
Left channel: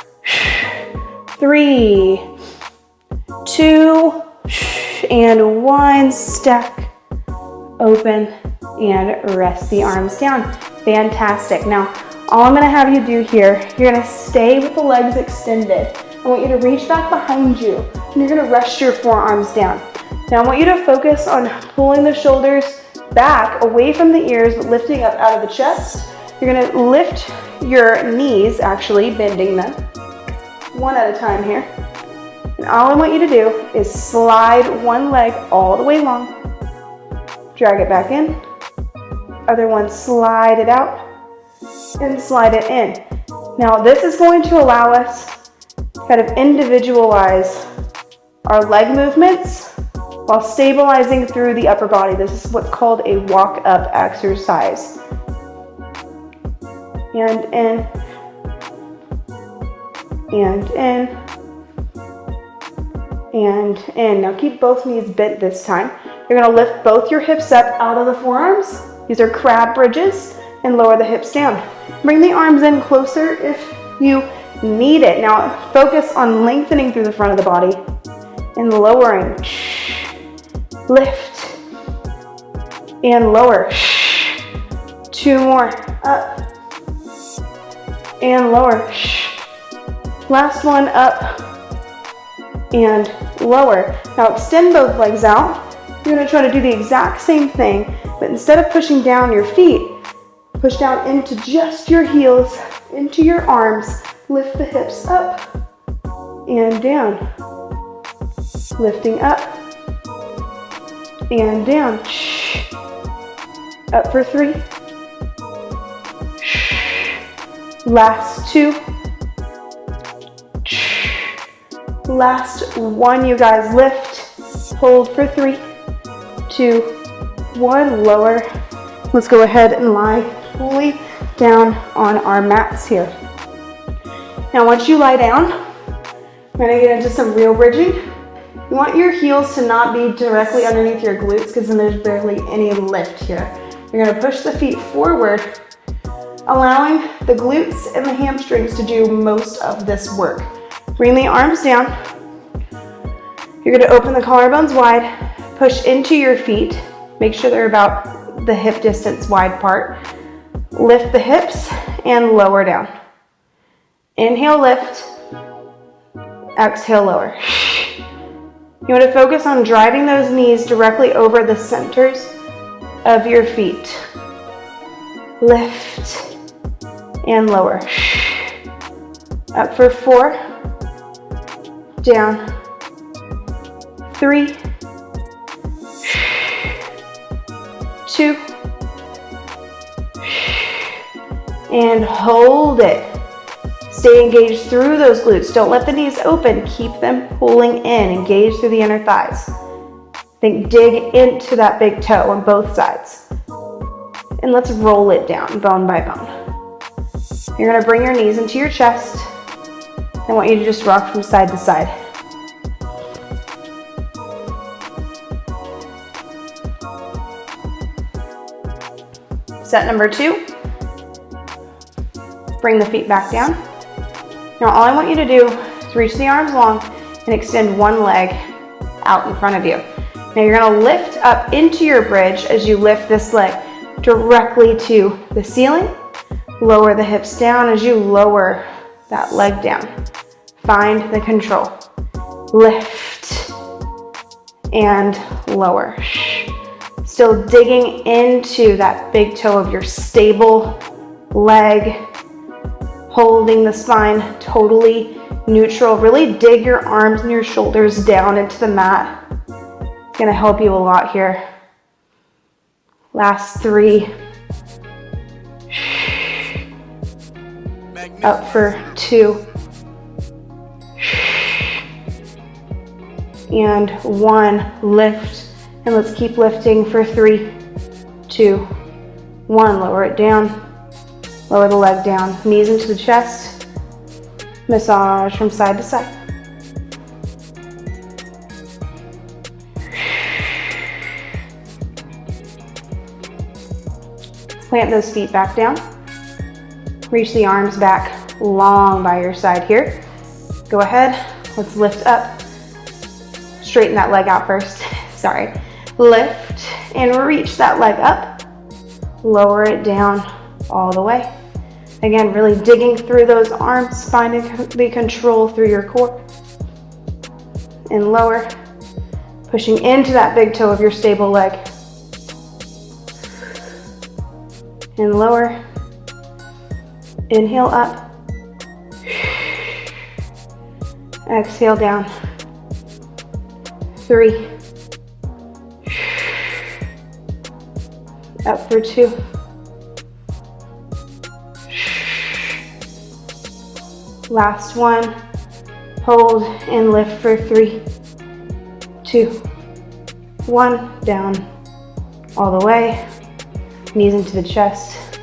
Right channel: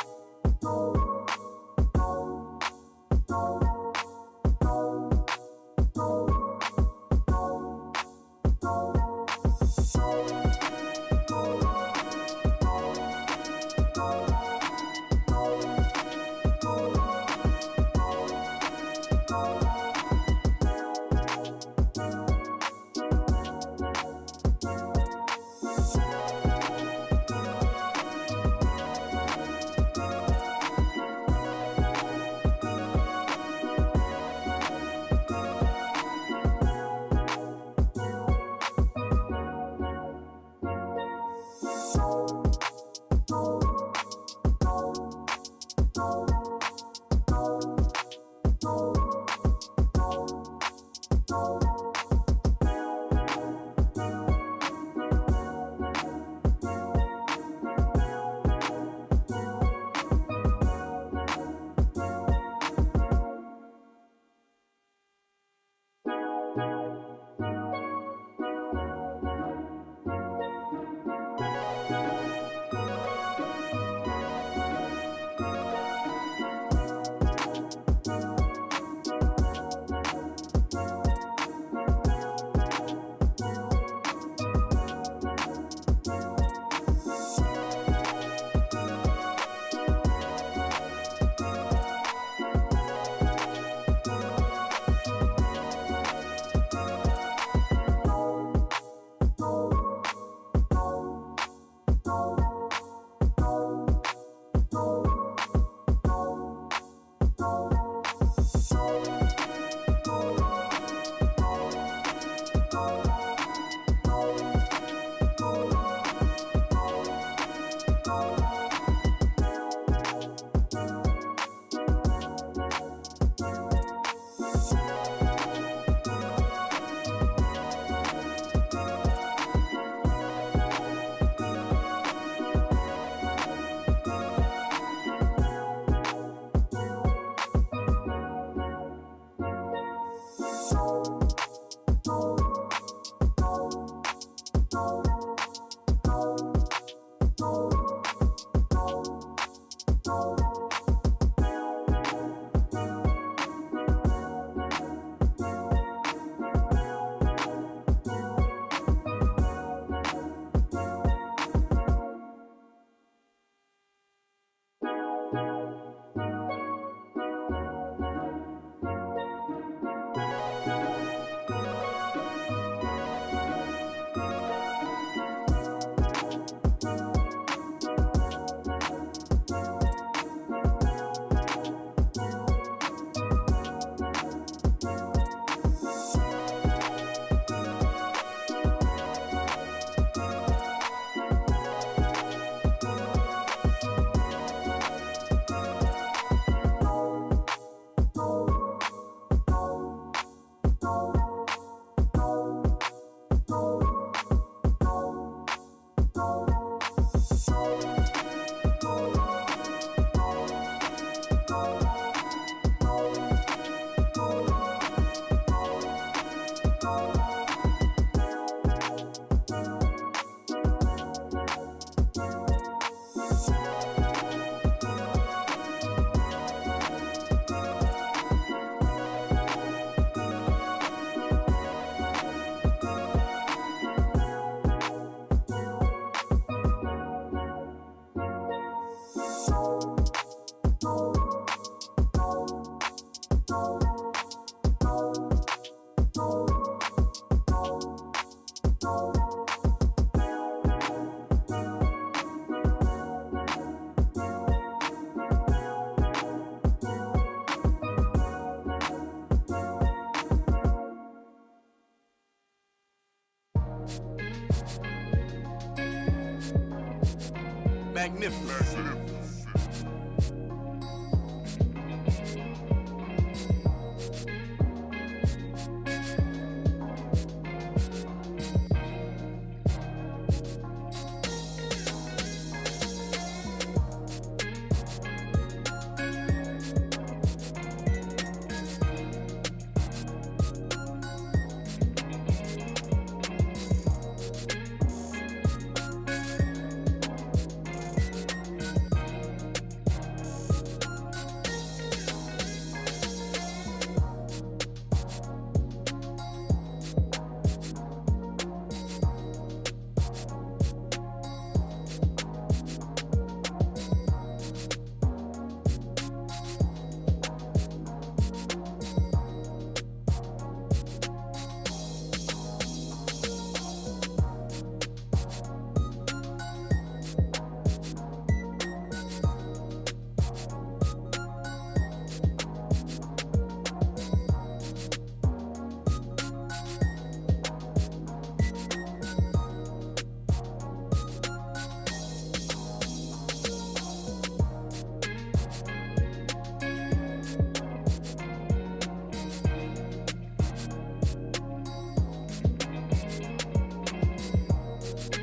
3, 2, and 1. Stack, open, and rest the arms down. Fantastic. Now, all I'm gonna have you do here, you're gonna stay with the legs extended. I want you to reach back behind you, and you're gonna rest your forearms down. Now, I want you to focus on pulling the shoulders back, away from the ears, but lifting up out of the chest. You're gonna lift your knees, actually, bending them, one at a time here. And all I want you to do is slide one leg all the way long, drag it back in, other one, slide it out, and slide it in. Now this is going to allow us to kind of individualize our leg movements while stabilizing through the upper body. This is what's called a walk-up exercise. And in, and in, and in. Now keep both knees bent this time. You're gonna lift both your hips up out of the forearms. These are crab bridges, and lower the hips down. Bring the arms in closer if you need it. Now focus on lengthening through the front of the body and lowering. Lift and lower. 2 more. Up and lower. Last one, up and lower. Now extend both legs out. You're gonna try to do the exact same thing, but instead of pushing down your feet, push down into just your heels, into your arms. Lift the hips up and down. Lifting up and down. Up for 3. Last 2. Last one, you guys. Lift, hold for 3, 2, 1, lower. Let's go ahead and lie fully down on our mats here. Now once you lie down, we're gonna get into some real bridging. You want your heels to not be directly underneath your glutes because then there's barely any lift here. You're gonna push the feet forward, allowing the glutes and the hamstrings to do most of this work. Bring the arms down. You're gonna open the collarbones wide, push into your feet. Make sure they're about the hip distance wide apart. Lift the hips and lower down. Inhale, lift. Exhale, lower. You want to focus on driving those knees directly over the centers of your feet. Lift and lower. Up for 4. Down. 3. 2. And hold it. Stay engaged through those glutes. Don't let the knees open. Keep them pulling in. Engage through the inner thighs. Think dig into that big toe on both sides. And let's roll it down, bone by bone. You're gonna bring your knees into your chest. I want you to just rock from side to side. Set number 2. Bring the feet back down. Now all I want you to do is reach the arms long and extend one leg out in front of you. Now you're gonna lift up into your bridge as you lift this leg directly to the ceiling. Lower the hips down as you lower that leg down. Find the control. Lift and lower. Still digging into that big toe of your stable leg. Holding the spine totally neutral. Really dig your arms and your shoulders down into the mat. It's gonna help you a lot here. Last 3. Up for 2. And 1. Lift. And let's keep lifting for 3, 2, 1. Lower it down. Lower the leg down, knees into the chest. Massage from side to side. Plant those feet back down. Reach the arms back long by your side here. Go ahead, let's lift up. Straighten that leg out first, sorry. Lift and reach that leg up. Lower it down all the way. Again, really digging through those arms, finding the control through your core. And lower, pushing into that big toe of your stable leg. And lower, inhale up. Exhale down. 3. Up for 2. Last one. Hold and lift for 3, 2, 1. Down all the way. Knees into the chest.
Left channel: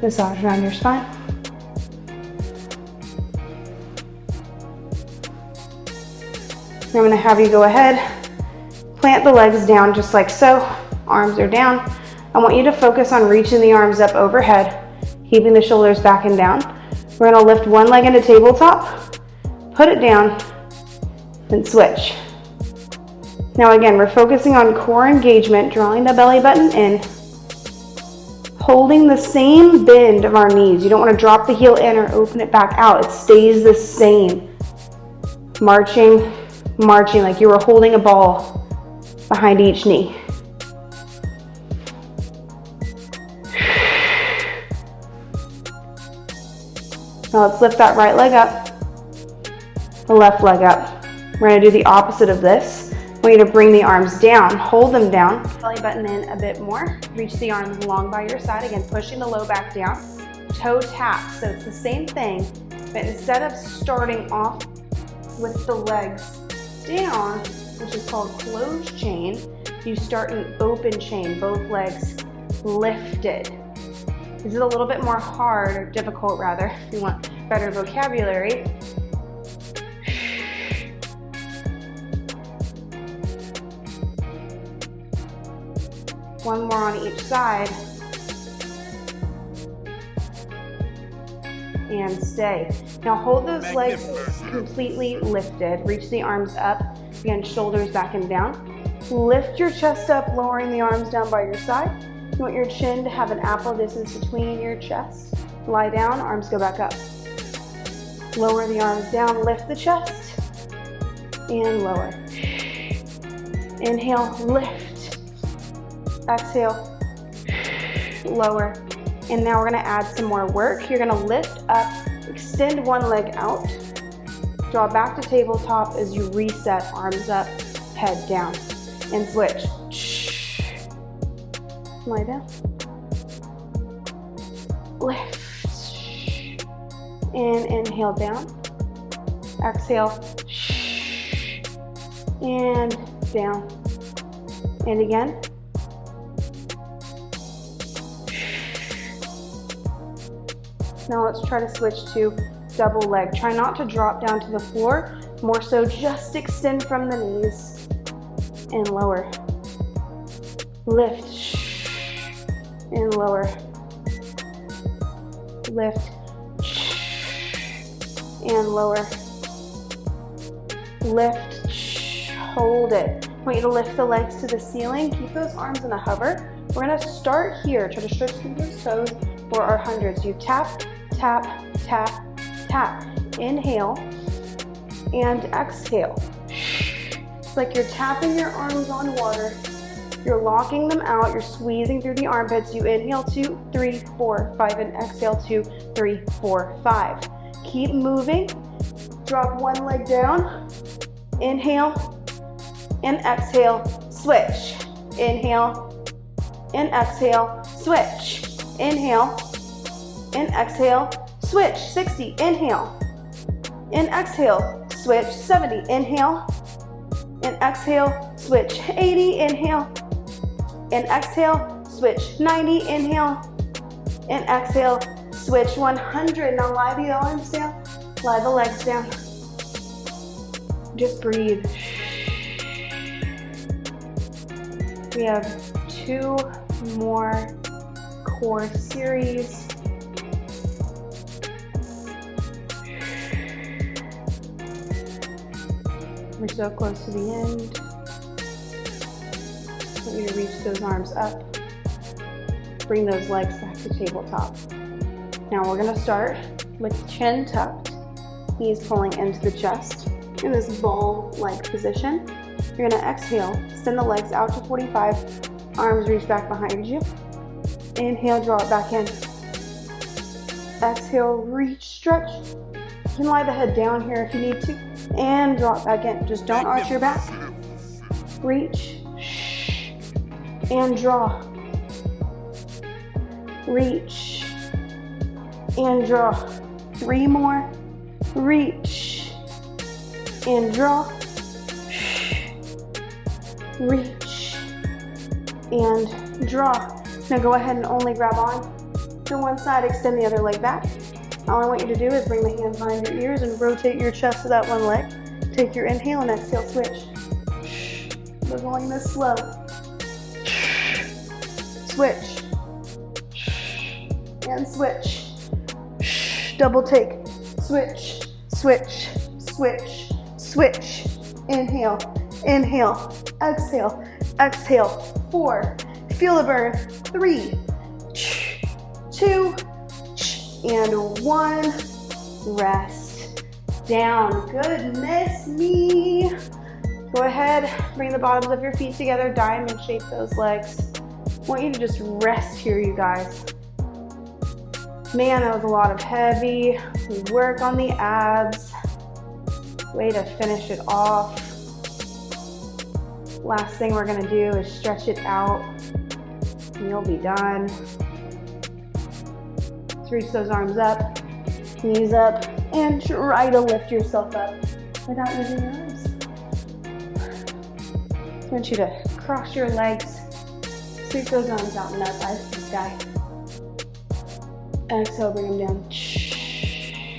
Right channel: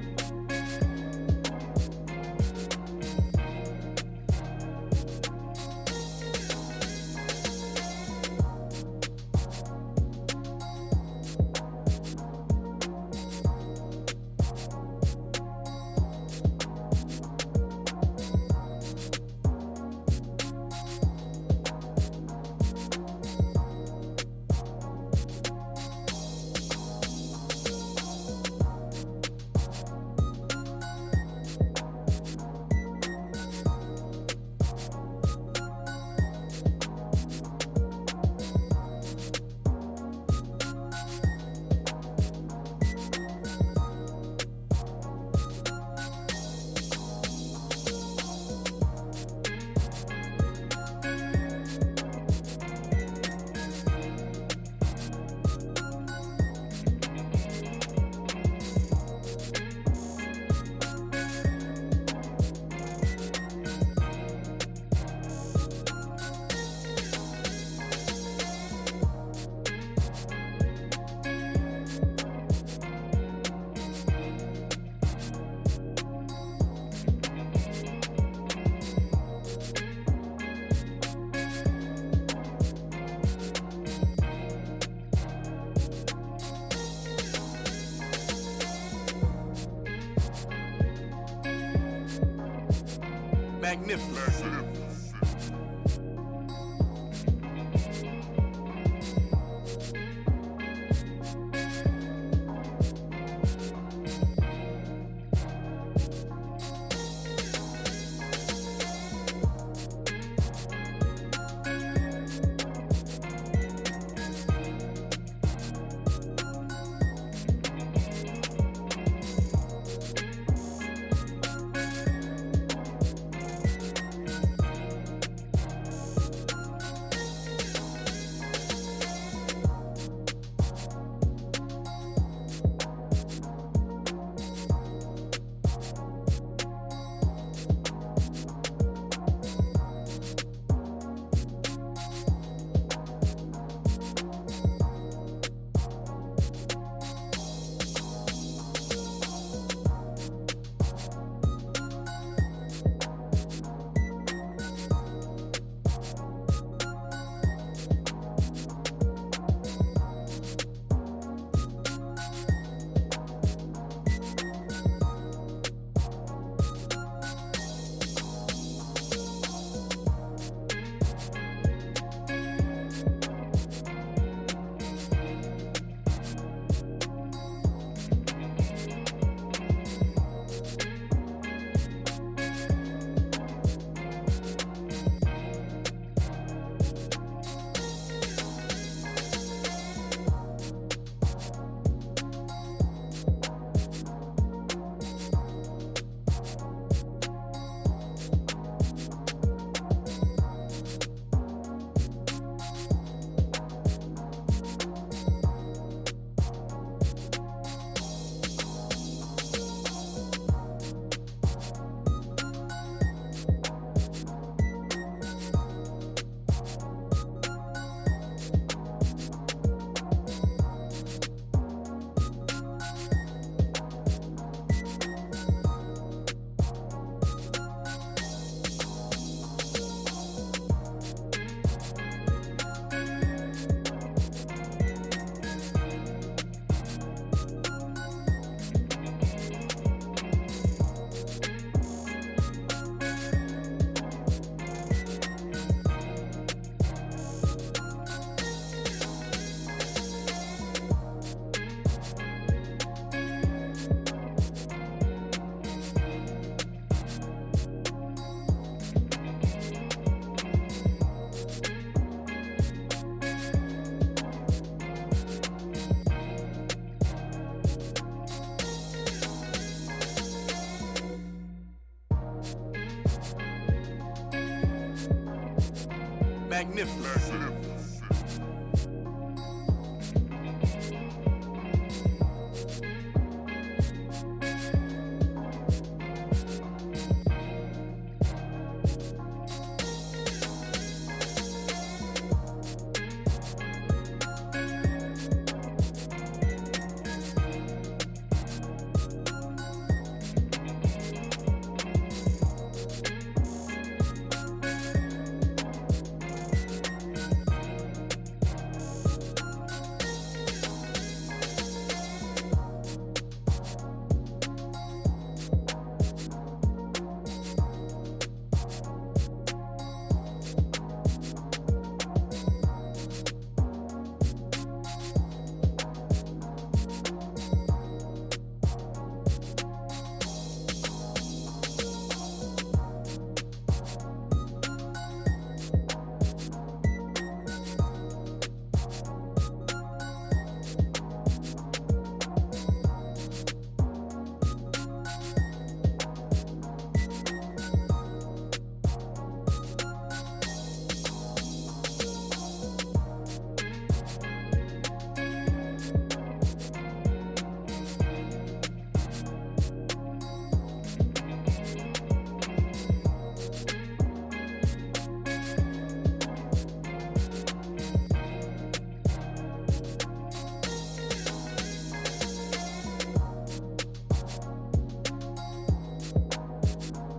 Massage around your spine. I'm going to have you go ahead, plant the legs down just like so. Arms are down. I want you to focus on reaching the arms up overhead, keeping the shoulders back and down. We're going to lift one leg into tabletop, put it down, and switch. Now again, we're focusing on core engagement, drawing the belly button in, holding the same bend of our knees. You don't want to drop the heel in or open it back out. It stays the same. Marching like you were holding a ball behind each knee. Now let's lift that right leg up, the left leg up. We're going to do the opposite of this. I want you to bring the arms down, hold them down, belly button in a bit more, reach the arms long by your side, again pushing the low back down, toe tap, so it's the same thing, but instead of starting off with the legs down, which is called closed chain. You start an open chain, both legs lifted. This is a little bit more hard, or difficult rather, if you want better vocabulary. One more on each side. And stay. Now hold those legs completely lifted. Reach the arms up. Again, shoulders back and down. Lift your chest up, lowering the arms down by your side. You want your chin to have an apple distance between your chest. Lie down, arms go back up. Lower the arms down, lift the chest, and lower. Inhale, lift. Exhale, lower. And now we're gonna add some more work. You're gonna lift up, extend one leg out, draw back to tabletop as you reset, arms up, head down, and switch. Lie down. Lift. And inhale down. Exhale. And down. And again. Now let's try to switch to double leg. Try not to drop down to the floor. More so just extend from the knees and lower. Lift and lower. Lift and lower. Lift, hold it. I want you to lift the legs to the ceiling. Keep those arms in a hover. We're gonna start here. Try to stretch through those toes for our hundreds. You tap, tap, tap, tap. Inhale and exhale. It's like you're tapping your arms on water. You're locking them out. You're squeezing through the armpits. You inhale 2, 3, 4, 5, and exhale 2, 3, 4, 5. Keep moving. Drop one leg down. Inhale and exhale. Switch. Inhale and exhale. Switch. Inhale and exhale. Switch. 60. Inhale and exhale. Switch. 70. Inhale and exhale. Switch. 80. Inhale and exhale. Switch. 90. Inhale and exhale. Switch. 100. Now lie the arms down. Lie the legs down. Just breathe. We have 2 more core series. We're so close to the end. I want you to reach those arms up. Bring those legs back to tabletop. Now we're going to start with chin tucked, knees pulling into the chest in this ball-like position. You're going to exhale, send the legs out to 45, arms reach back behind you. Inhale, draw it back in. Exhale, reach, stretch. You can lie the head down here if you need to, and draw it back in. Just don't arch your back. Reach, and draw. Reach, and draw. 3 more. Reach, and draw. Reach, and draw. Now go ahead and only grab on to one side, extend the other leg back. All I want you to do is bring the hands behind your ears and rotate your chest to that one leg. Take your inhale and exhale, switch. We're going this slow. Switch. And switch. Double take. Switch, switch, switch, switch. Inhale, inhale, exhale, exhale. 4. Feel the burn. 3, 2, and 1. Rest down. Goodness me. Go ahead, bring the bottoms of your feet together, diamond shape those legs. I want you to just rest here, you guys. Man, that was a lot of heavy work on the abs. Way to finish it off. Last thing we're gonna do is stretch it out, and you'll be done. Reach those arms up, knees up, and try to lift yourself up. without using your arms. I want you to cross your legs, sweep those arms out and up, eyes to the sky. Exhale, bring them down.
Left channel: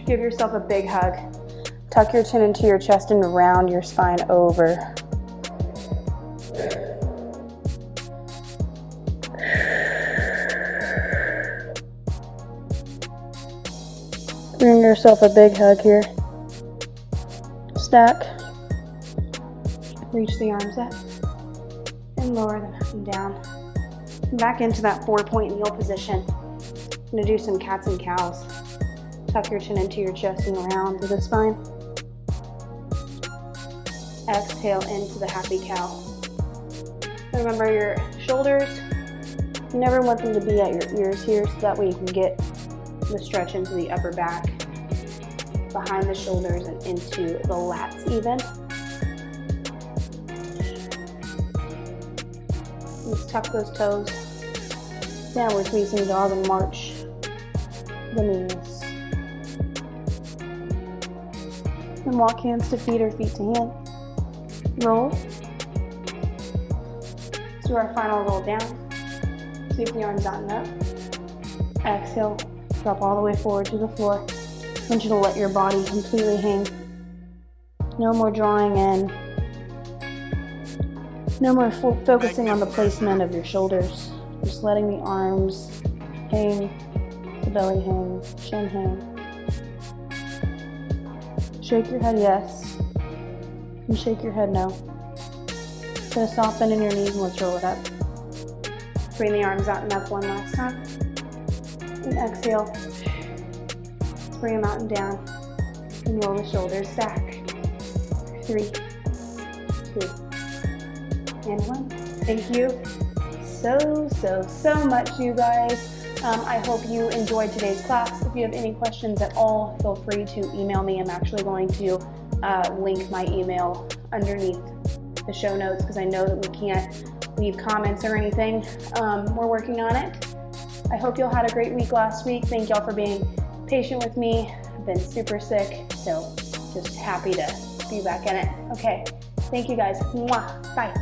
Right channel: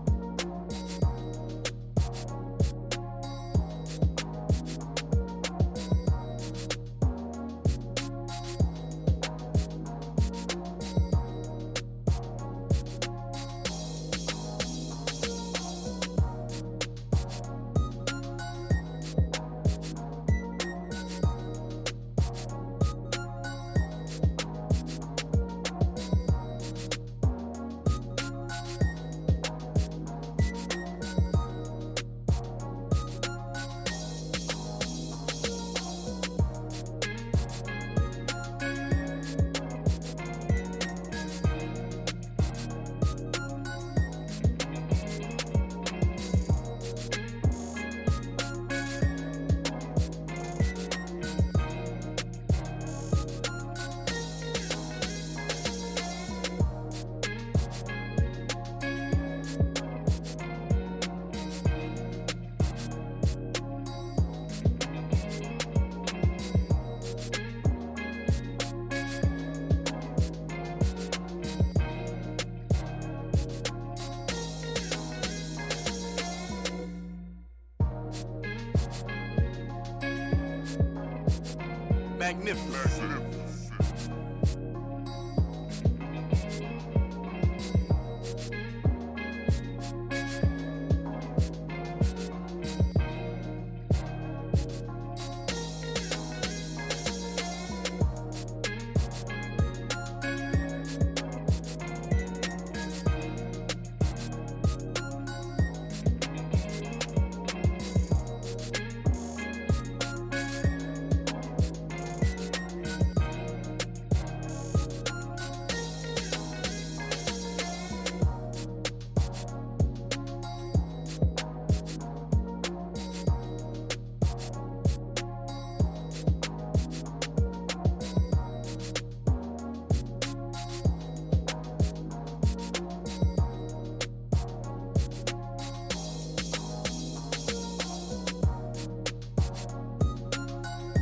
Give yourself a big hug. Tuck your chin into your chest and round your spine over. Bring yourself a big hug here. Stack. Reach the arms up and lower them up and down. Come back into that 4-point kneel position. I'm going to do some cats and cows. Tuck your chin into your chest and round to the spine. Exhale into the happy cow. Remember your shoulders, you never want them to be at your ears here, so that way you can get the stretch into the upper back, behind the shoulders and into the lats even. Just tuck those toes. Downward facing dog and march the knees. And walk hands to feet or feet to hand. Roll. Do our final roll down. Sweep the arms out and up. Exhale. Drop all the way forward to the floor. I want you to let your body completely hang. No more drawing in. No more focusing on the placement of your shoulders. Just letting the arms hang, the belly hang, chin hang. Shake your head yes, and shake your head no. Gonna soften in your knees and let's roll it up. Bring the arms out and up one last time. And exhale. Bring them out and down. And roll the shoulders back. 3, 2, and 1. Thank you so much, you guys. I hope you enjoyed today's class. If you have any questions at all, feel free to email me. I'm actually going to link my email underneath the show notes because I know that we can't leave comments or anything. We're working on it. I hope y'all had a great week last week. Thank y'all for being patient with me. I've been super sick, so just happy to be back in it. Okay, thank you guys. Mwah. Bye.